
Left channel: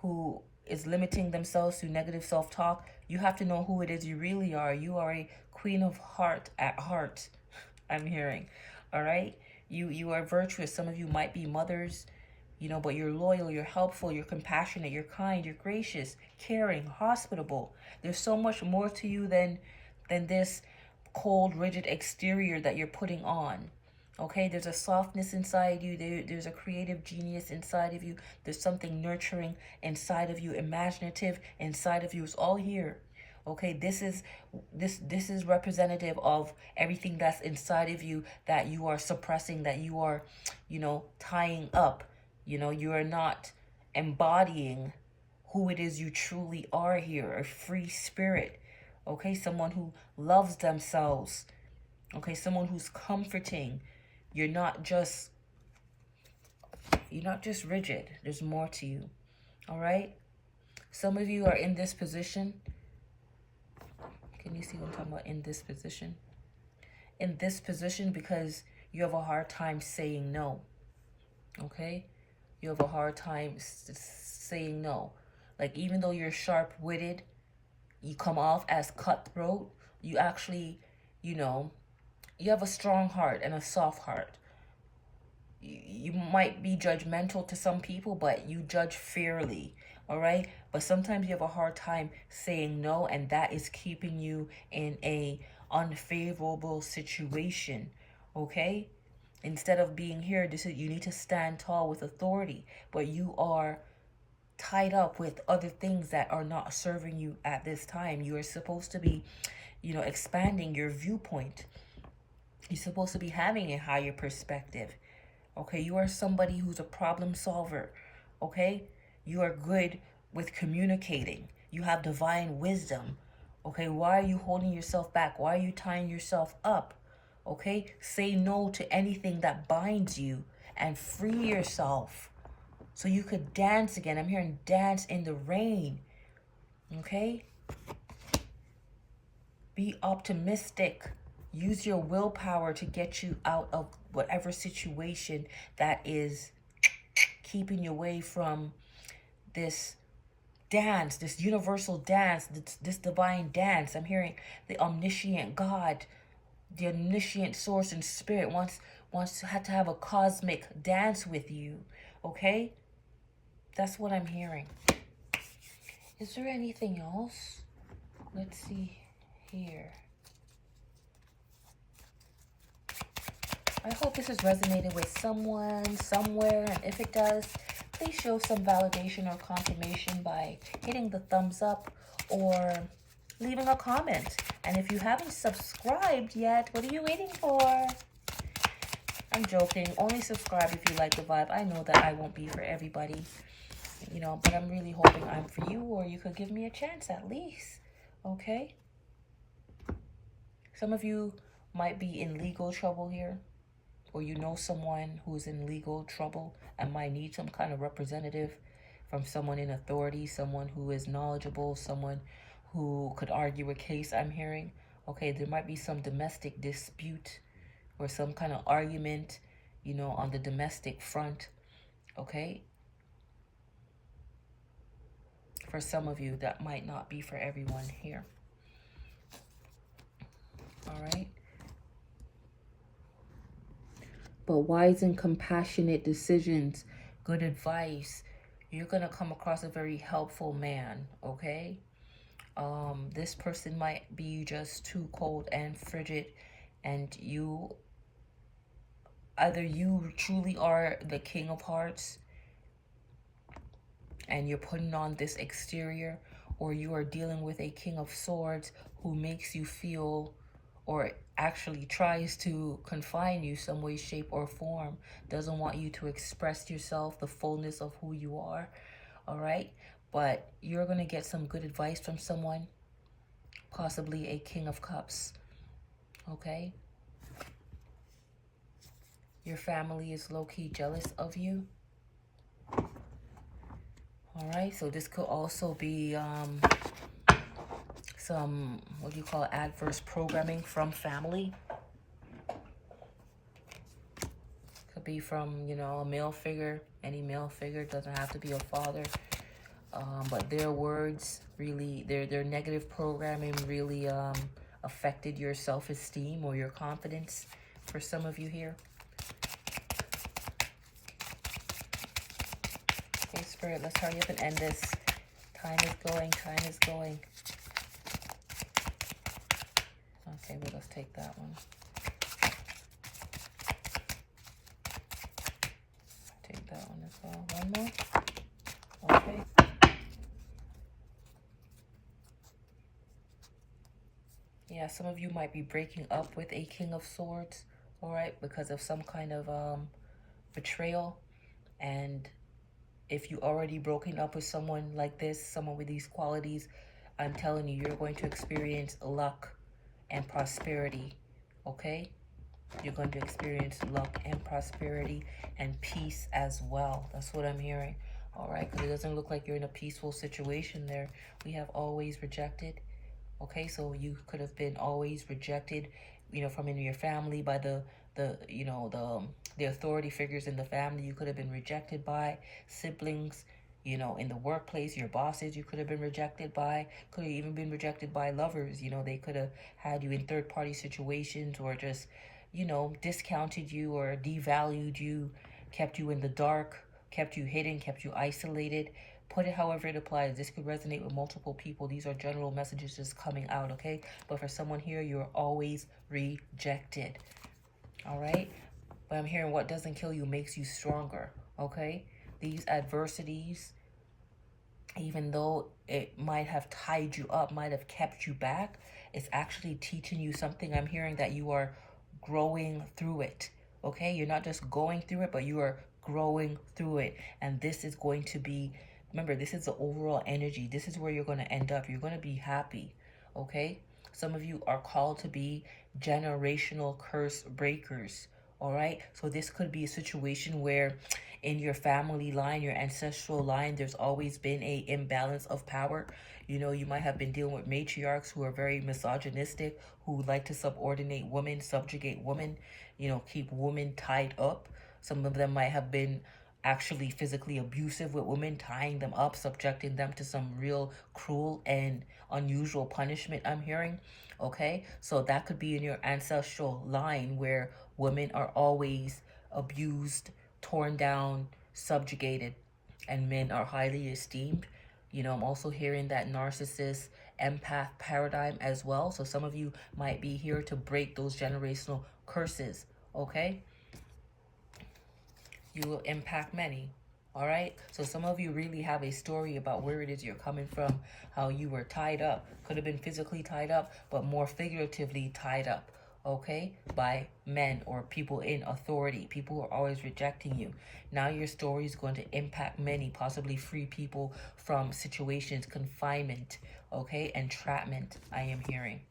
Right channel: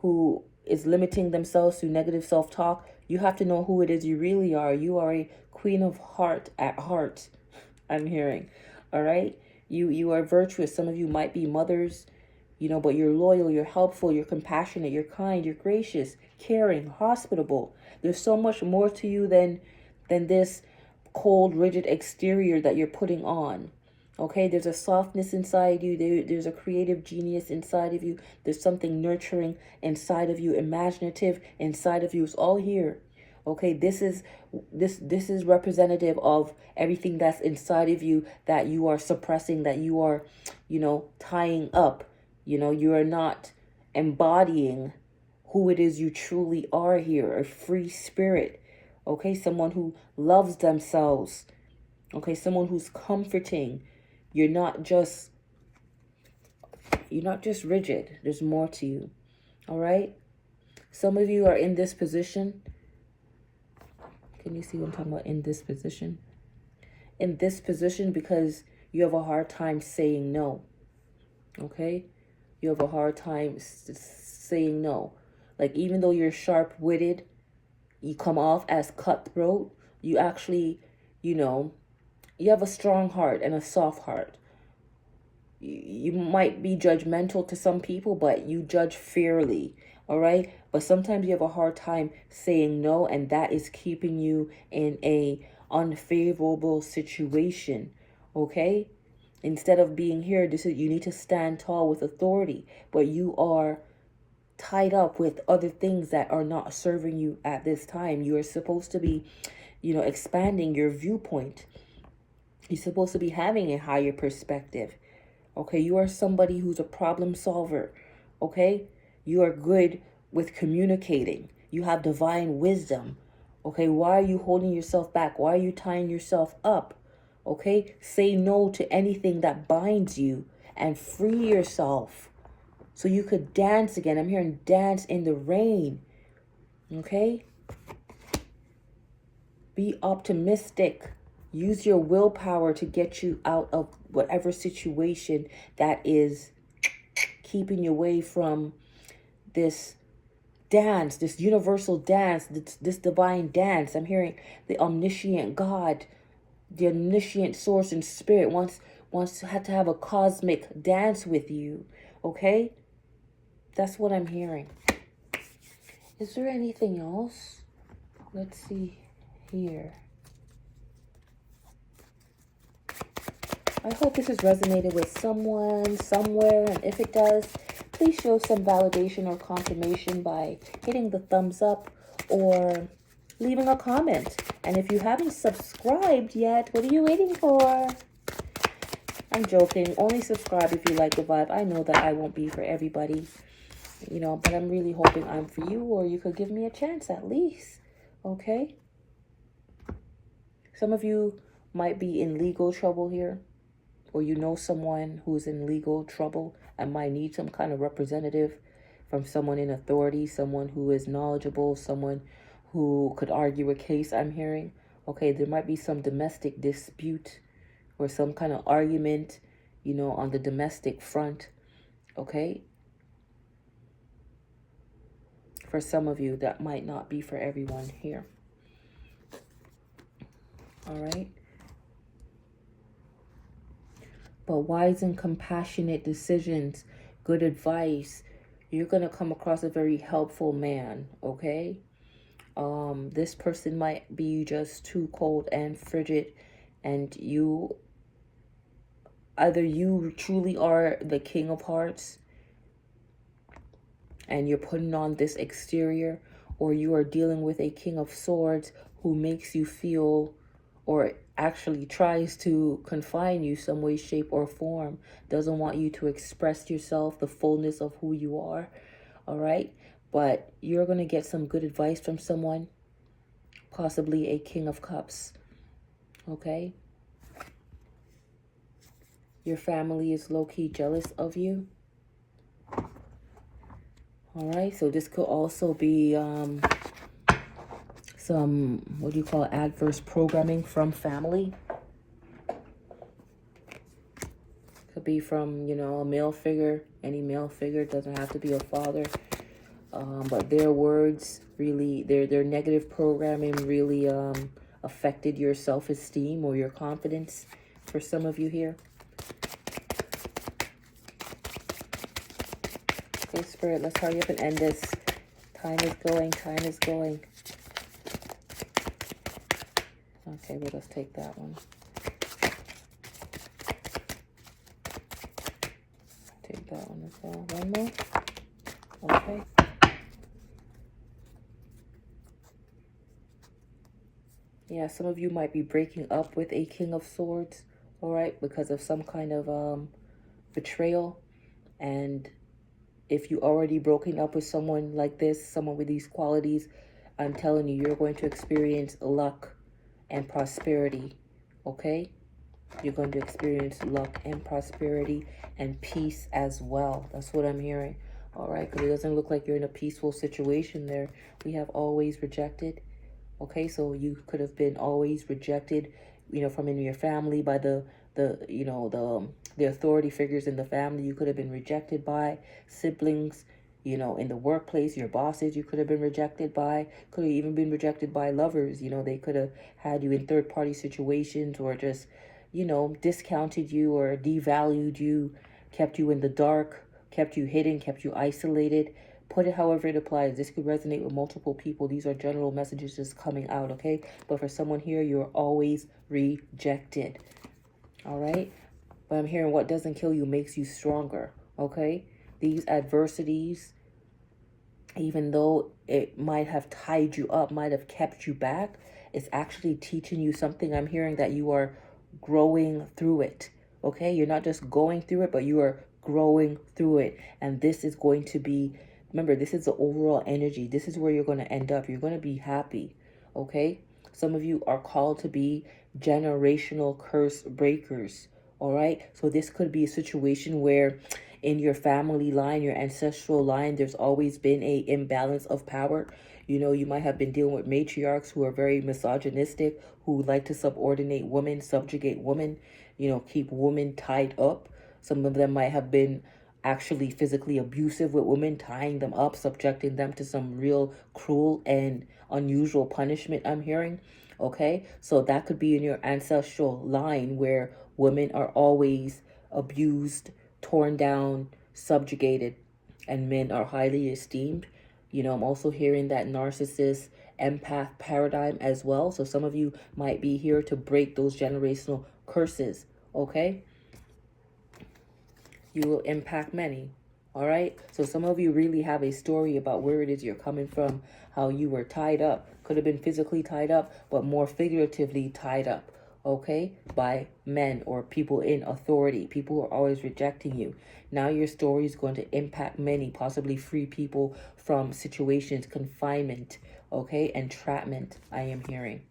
who is limiting themselves through negative self-talk. You have to know who it is you really are. You are a queen of heart at heart, I'm hearing. All right, you are virtuous. Some of you might be mothers, but you're loyal, you're helpful, you're compassionate, you're kind, you're gracious, caring, hospitable. There's so much more to you than this cold, rigid exterior that you're putting on. Okay, there's a softness inside you. There's a creative genius inside of you. There's something nurturing inside of you, imaginative inside of you. It's all here. Okay, this is representative of everything that's inside of you that you are suppressing, that you are, tying up. You are not embodying who it is you truly are here, a free spirit. Okay, someone who loves themselves. Okay, someone who's comforting. You're not just rigid. There's more to you. All right? Some of you are in this position. Can you see what I'm talking about? In this position? In this position because you have a hard time saying no. Okay? You have a hard time saying no. Like, even though you're sharp-witted, you come off as cutthroat, you actually, you have a strong heart and a soft heart. You might be judgmental to some people, but you judge fairly, all right? But sometimes you have a hard time saying no, and that is keeping you in a unfavorable situation, okay? Instead of being here, you need to stand tall with authority, but you are tied up with other things that are not serving you at this time. You are supposed to be, expanding your viewpoint. You're supposed to be having a higher perspective. Okay, you are somebody who's a problem solver. Okay, you are good with communicating. You have divine wisdom. Okay, why are you holding yourself back? Why are you tying yourself up? Okay, say no to anything that binds you and free yourself so you could dance again. I'm hearing dance in the rain. Okay, be optimistic. Use your willpower to get you out of whatever situation that is keeping you away from this dance, this universal dance, this divine dance. I'm hearing the omniscient God, the omniscient source and spirit wants to have a cosmic dance with you. Okay? That's what I'm hearing. Is there anything else? Let's see here. I hope this has resonated with someone, somewhere, and if it does, please show some validation or confirmation by hitting the thumbs up or leaving a comment. And if you haven't subscribed yet, what are you waiting for? I'm joking. Only subscribe if you like the vibe. I know that I won't be for everybody, but I'm really hoping I'm for you, or you could give me a chance at least, okay? Some of you might be in legal trouble here, or someone who's in legal trouble and might need some kind of representative from someone in authority, someone who is knowledgeable, someone who could argue a case, I'm hearing. Okay, there might be some domestic dispute or some kind of argument, you know, on the domestic front. Okay, for some of you, that might not be for everyone here. All right. But wise and compassionate decisions, good advice, you're going to come across a very helpful man, okay? This person might be just too cold and frigid, and either you truly are the king of hearts and you're putting on this exterior, or you are dealing with a king of swords who makes you feel, or actually tries to confine you some way, shape, or form, doesn't want you to express yourself, the fullness of who you are. All right, but you're going to get some good advice from someone, possibly a king of cups. Okay, your family is low-key jealous of you. All right, so this could also be some, what do you call it, adverse programming from family. Could be from, you know, a male figure. Any male figure, doesn't have to be a father. But their words really, their negative programming really affected your self-esteem or your confidence for some of you here. Okay, Spirit, let's hurry up and end this. Time is going, time is going. Okay, well, let's take that one. Take that one as well. One more. Okay. Yeah, some of you might be breaking up with a king of swords, all right, because of some kind of betrayal. And if you already broken up with someone like this, someone with these qualities, I'm telling you, you're going to experience luck and prosperity, okay? You're going to experience luck and prosperity and peace as well. That's what I'm hearing, all right? Because it doesn't look like you're in a peaceful situation there. We have always rejected, okay? So you could have been always rejected, you know, from in your family by the authority figures in the family. You could have been rejected by siblings, you know, in the workplace, your bosses, you could have been rejected by, could have even been rejected by lovers. You know, they could have had you in third-party situations, or just, you know, discounted you or devalued you, kept you in the dark, kept you hidden, kept you isolated. Put it however it applies. This could resonate with multiple people. These are general messages just coming out, okay? But for someone here, you're always rejected, all right? But I'm hearing what doesn't kill you makes you stronger, okay? These adversities, even though it might have tied you up, might have kept you back, it's actually teaching you something. I'm hearing that you are growing through it, okay? You're not just going through it, but you are growing through it. And this is going to be, remember, this is the overall energy. This is where you're going to end up. You're going to be happy, okay? Some of you are called to be generational curse breakers, all right? So this could be a situation where in your family line, your ancestral line, there's always been a imbalance of power. You know, you might have been dealing with matriarchs who are very misogynistic, who like to subordinate women, subjugate women, you know, keep women tied up. Some of them might have been actually physically abusive with women, tying them up, subjecting them to some real cruel and unusual punishment, I'm hearing. Okay, so that could be in your ancestral line where women are always abused, torn down, subjugated, and men are highly esteemed. You know, I'm also hearing that narcissist empath paradigm as well. So some of you might be here to break those generational curses, okay? You will impact many, all right? So some of you really have a story about where it is you're coming from, how you were tied up. Could have been physically tied up, but more figuratively tied up, okay, by men or people in authority, people who are always rejecting you. Now your story is going to impact many, possibly free people from situations, confinement, okay, entrapment, I am hearing.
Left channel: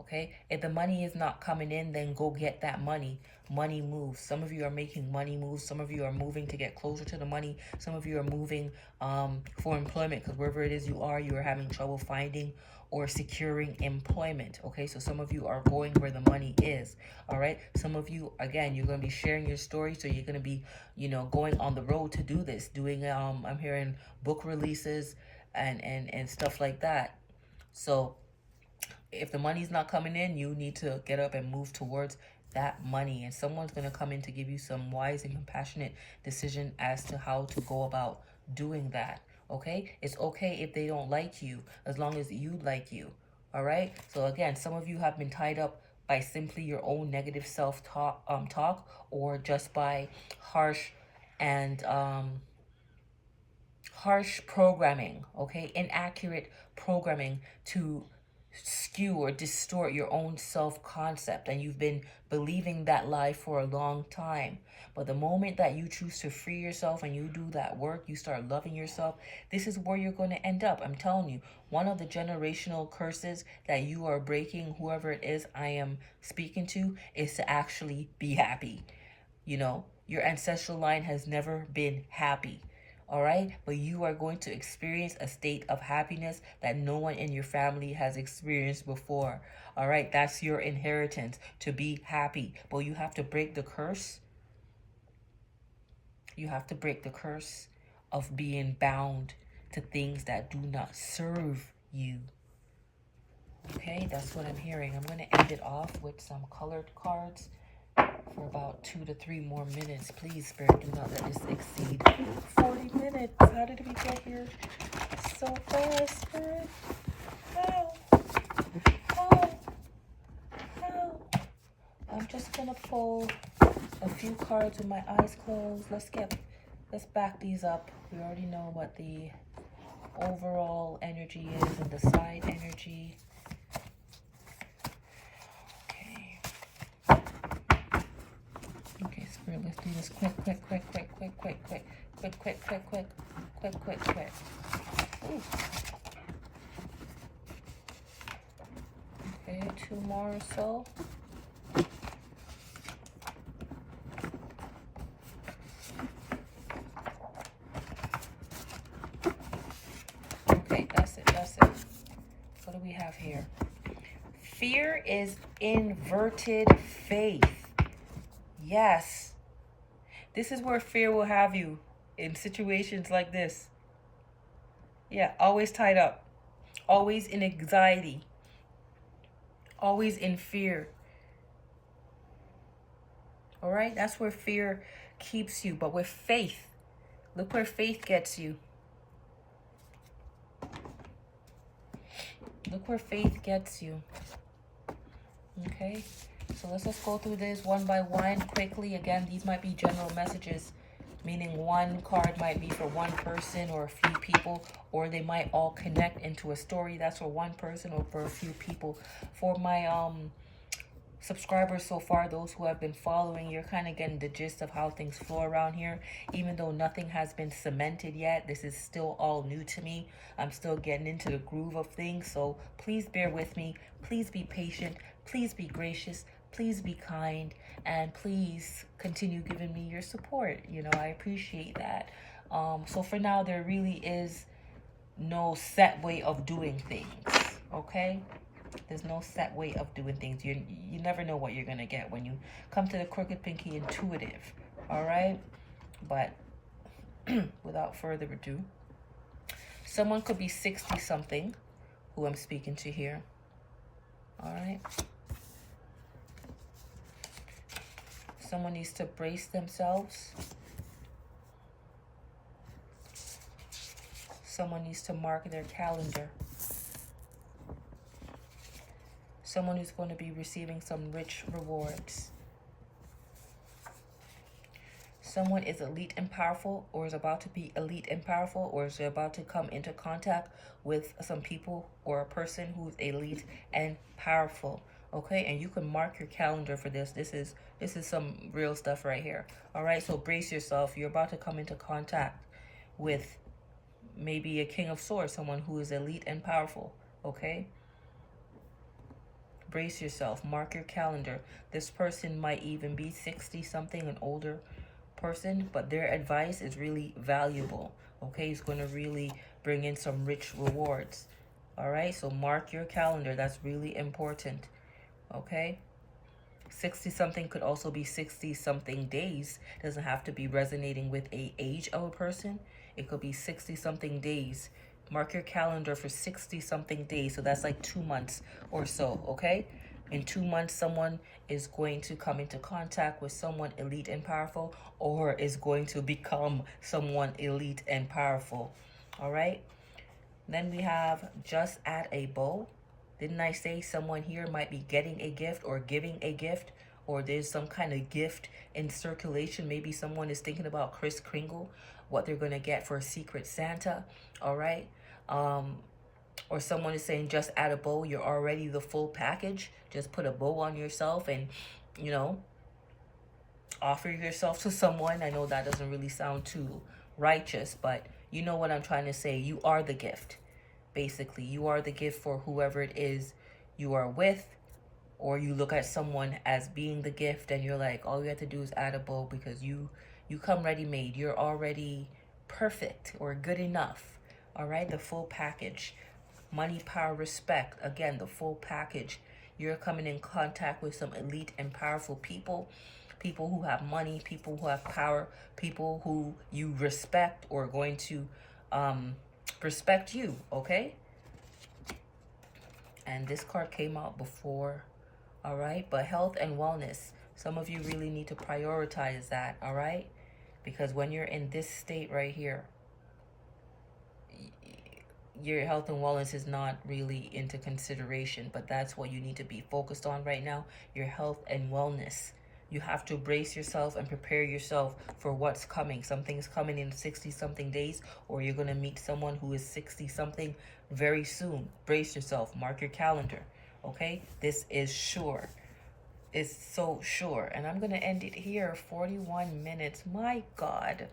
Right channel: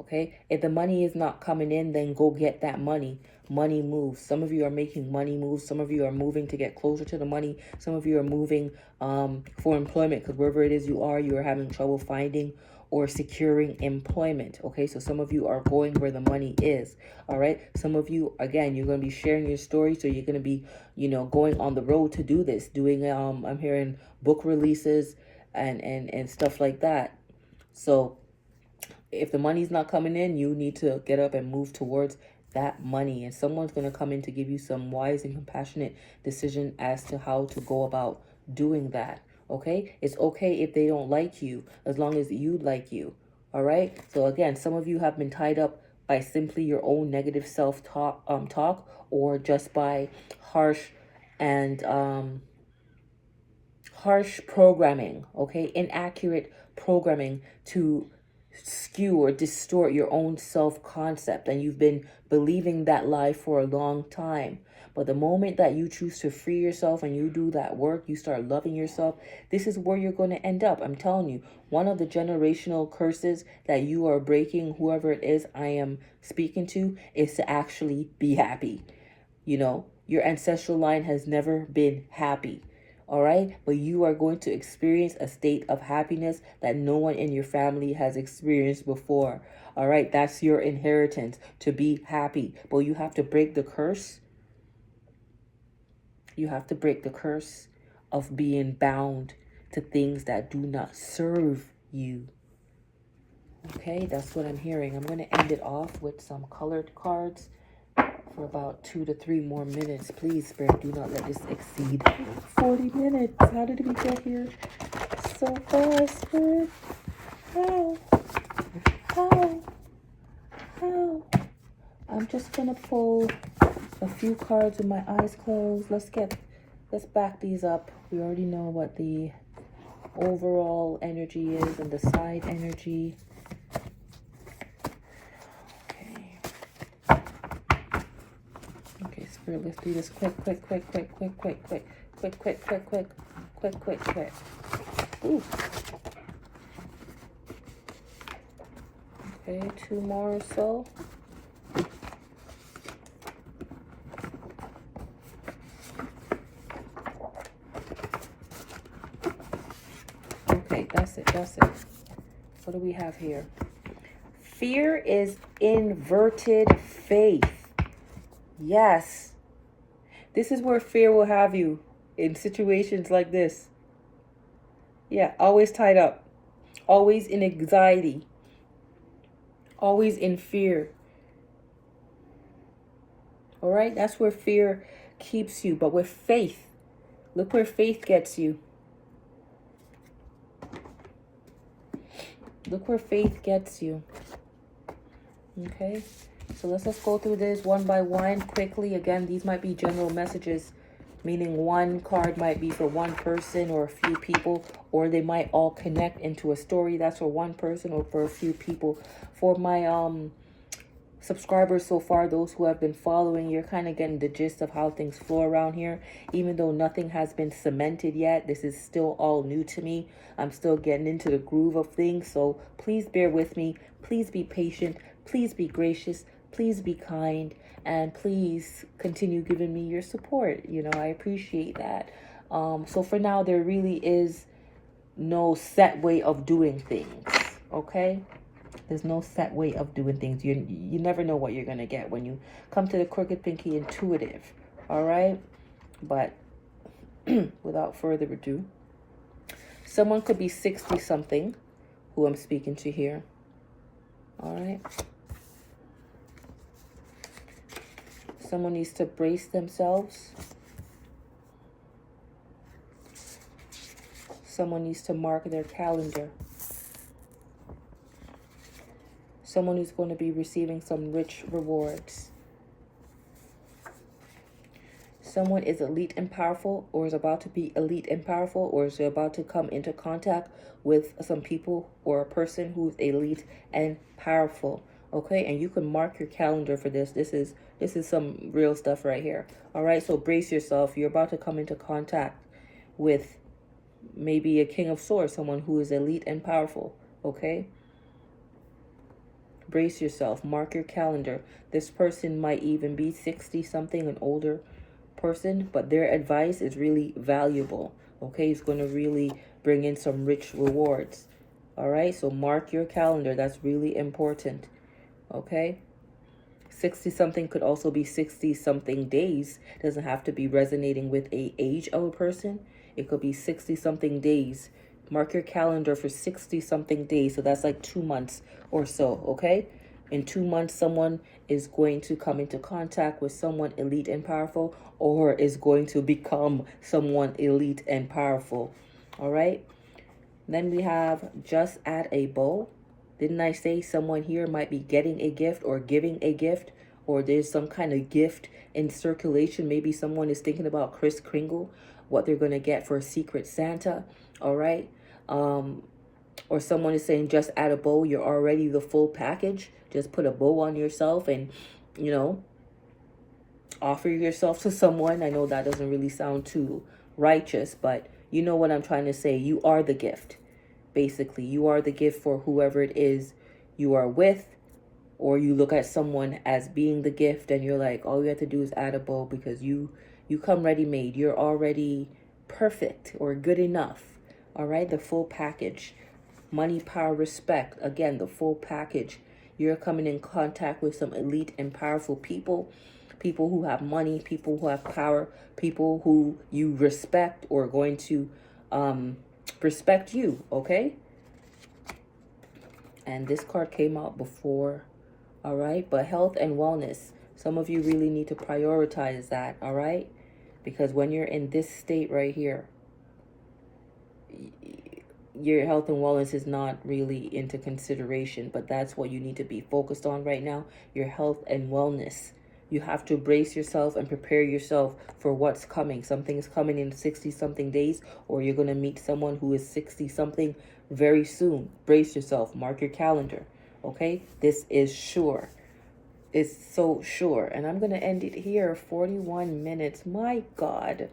Okay, if the money is not coming in, then go get that money. Money moves. Some of you are making money moves. Some of you are moving to get closer to the money. Some of you are moving for employment, because wherever it is you are having trouble finding or securing employment. Okay, so some of you are going where the money is. All right, some of you, again, you're going to be sharing your story, so you're going to be, going on the road to do this, doing I'm hearing book releases and stuff like that. So if the money's not coming in, you need to get up and move towards that money. And someone's going to come in to give you some wise and compassionate decision as to how to go about doing that. Okay? It's okay if they don't like you, as long as you like you. All right? So again, some of you have been tied up by simply your own negative self-talk, or just by harsh and harsh programming, okay? Inaccurate programming to skew or distort your own self-concept, and you've been believing that lie for a long time. But the moment that you choose to free yourself and you do that work, you start loving yourself, this is where you're going to end up. I'm telling you, one of the generational curses that you are breaking, whoever it is I am speaking to, is to actually be happy. Your ancestral line has never been happy. All right, but you are going to experience a state of happiness that no one in your family has experienced before. All right, that's your inheritance, to be happy. But you have to break the curse. You have to break the curse of being bound to things that do not serve you. Okay, that's what I'm hearing. I'm going to end it off with some colored cards for about 2 to 3 more minutes. Please, Spirit, do not let this exceed 40 minutes. How did we get here so fast, Spirit? How? How? I'm just gonna pull a few cards with my eyes closed. Let's back these up. We already know what the overall energy is and the side energy. Okay, Spirit, let's do this quick. Ooh. Okay, 2 more or so. Okay, that's it. What do we have here? Fear is inverted faith. Yes. This is where fear will have you in situations like this. Yeah, always tied up. Always in anxiety. Always in fear. All right? That's where fear keeps you. But with faith, look where faith gets you. Look where faith gets you. Okay? So let's just go through this one by one quickly. Again, these might be general messages, meaning one card might be for one person or a few people, or they might all connect into a story that's for one person or for a few people. For my subscribers so far, those who have been following, you're kind of getting the gist of how things flow around here. Even though nothing has been cemented yet, this is still all new to me. I'm still getting into the groove of things, so please bear with me. Please be patient. Please be gracious. Please be kind, and please continue giving me your support. I appreciate that. So for now, there really is no set way of doing things, okay? There's no set way of doing things. You never know what you're going to get when you come to the Crooked Pinky Intuitive, all right? But without further ado, someone could be 60-something who I'm speaking to here, all right? Someone needs to brace themselves. Someone needs to mark their calendar. Someone who's going to be receiving some rich rewards. Someone is elite and powerful, or is about to be elite and powerful, or is about to come into contact with some people or a person who's elite and powerful. Okay, and you can mark your calendar for this. This is some real stuff right here. All right, so brace yourself. You're about to come into contact with maybe a King of Swords, someone who is elite and powerful. Okay, brace yourself. Mark your calendar. This person might even be 60 something, an older person, but their advice is really valuable. Okay, it's going to really bring in some rich rewards. All right, so mark your calendar. That's really important. Okay, 60 something could also be 60 something days. It doesn't have to be resonating with a age of a person. It could be 60 something days. Mark your calendar for 60 something days. So that's like 2 months or so. Okay, in 2 months, someone is going to come into contact with someone elite and powerful, or is going to become someone elite and powerful. All right, then we have just add a bow. Didn't I say someone here might be getting a gift or giving a gift, or there's some kind of gift in circulation? Maybe someone is thinking about Kris Kringle, what they're going to get for a Secret Santa. All right, or someone is saying just add a bow. You're already the full package. Just put a bow on yourself and, you know, offer yourself to someone. I know that doesn't really sound too righteous, but you know what I'm trying to say. You are the gift. Basically, you are the gift for whoever it is you are with, or you look at someone as being the gift and you're like, all you have to do is add a bow, because you come ready made. You're already perfect or good enough. All right, the full package. Money, power, respect. Again, the full package. You're coming in contact with some elite and powerful people. People who have money, people who have power, people who you respect or are going to respect you, okay? And this card came out before, all right? But health and wellness, some of you really need to prioritize that, all right? Because when you're in this state right here, your health and wellness is not really into consideration, but that's what you need to be focused on right now, your health and wellness. You have to brace yourself and prepare yourself for what's coming. Something is coming in 60 something days, or you're going to meet someone who is 60 something very soon. Brace yourself. Mark your calendar. Okay? This is sure. It's so sure. And I'm going to end it here. 41 minutes. My God.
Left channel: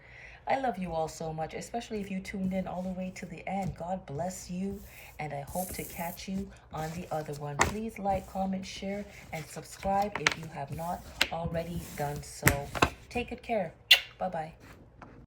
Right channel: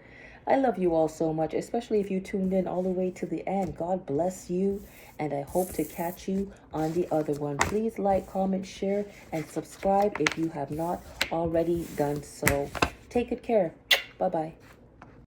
I love you all so much, especially if you tuned in all the way to the end. God bless you, and I hope to catch you on the other one. Please like, comment, share, and subscribe if you have not already done so. Take good care. Bye-bye.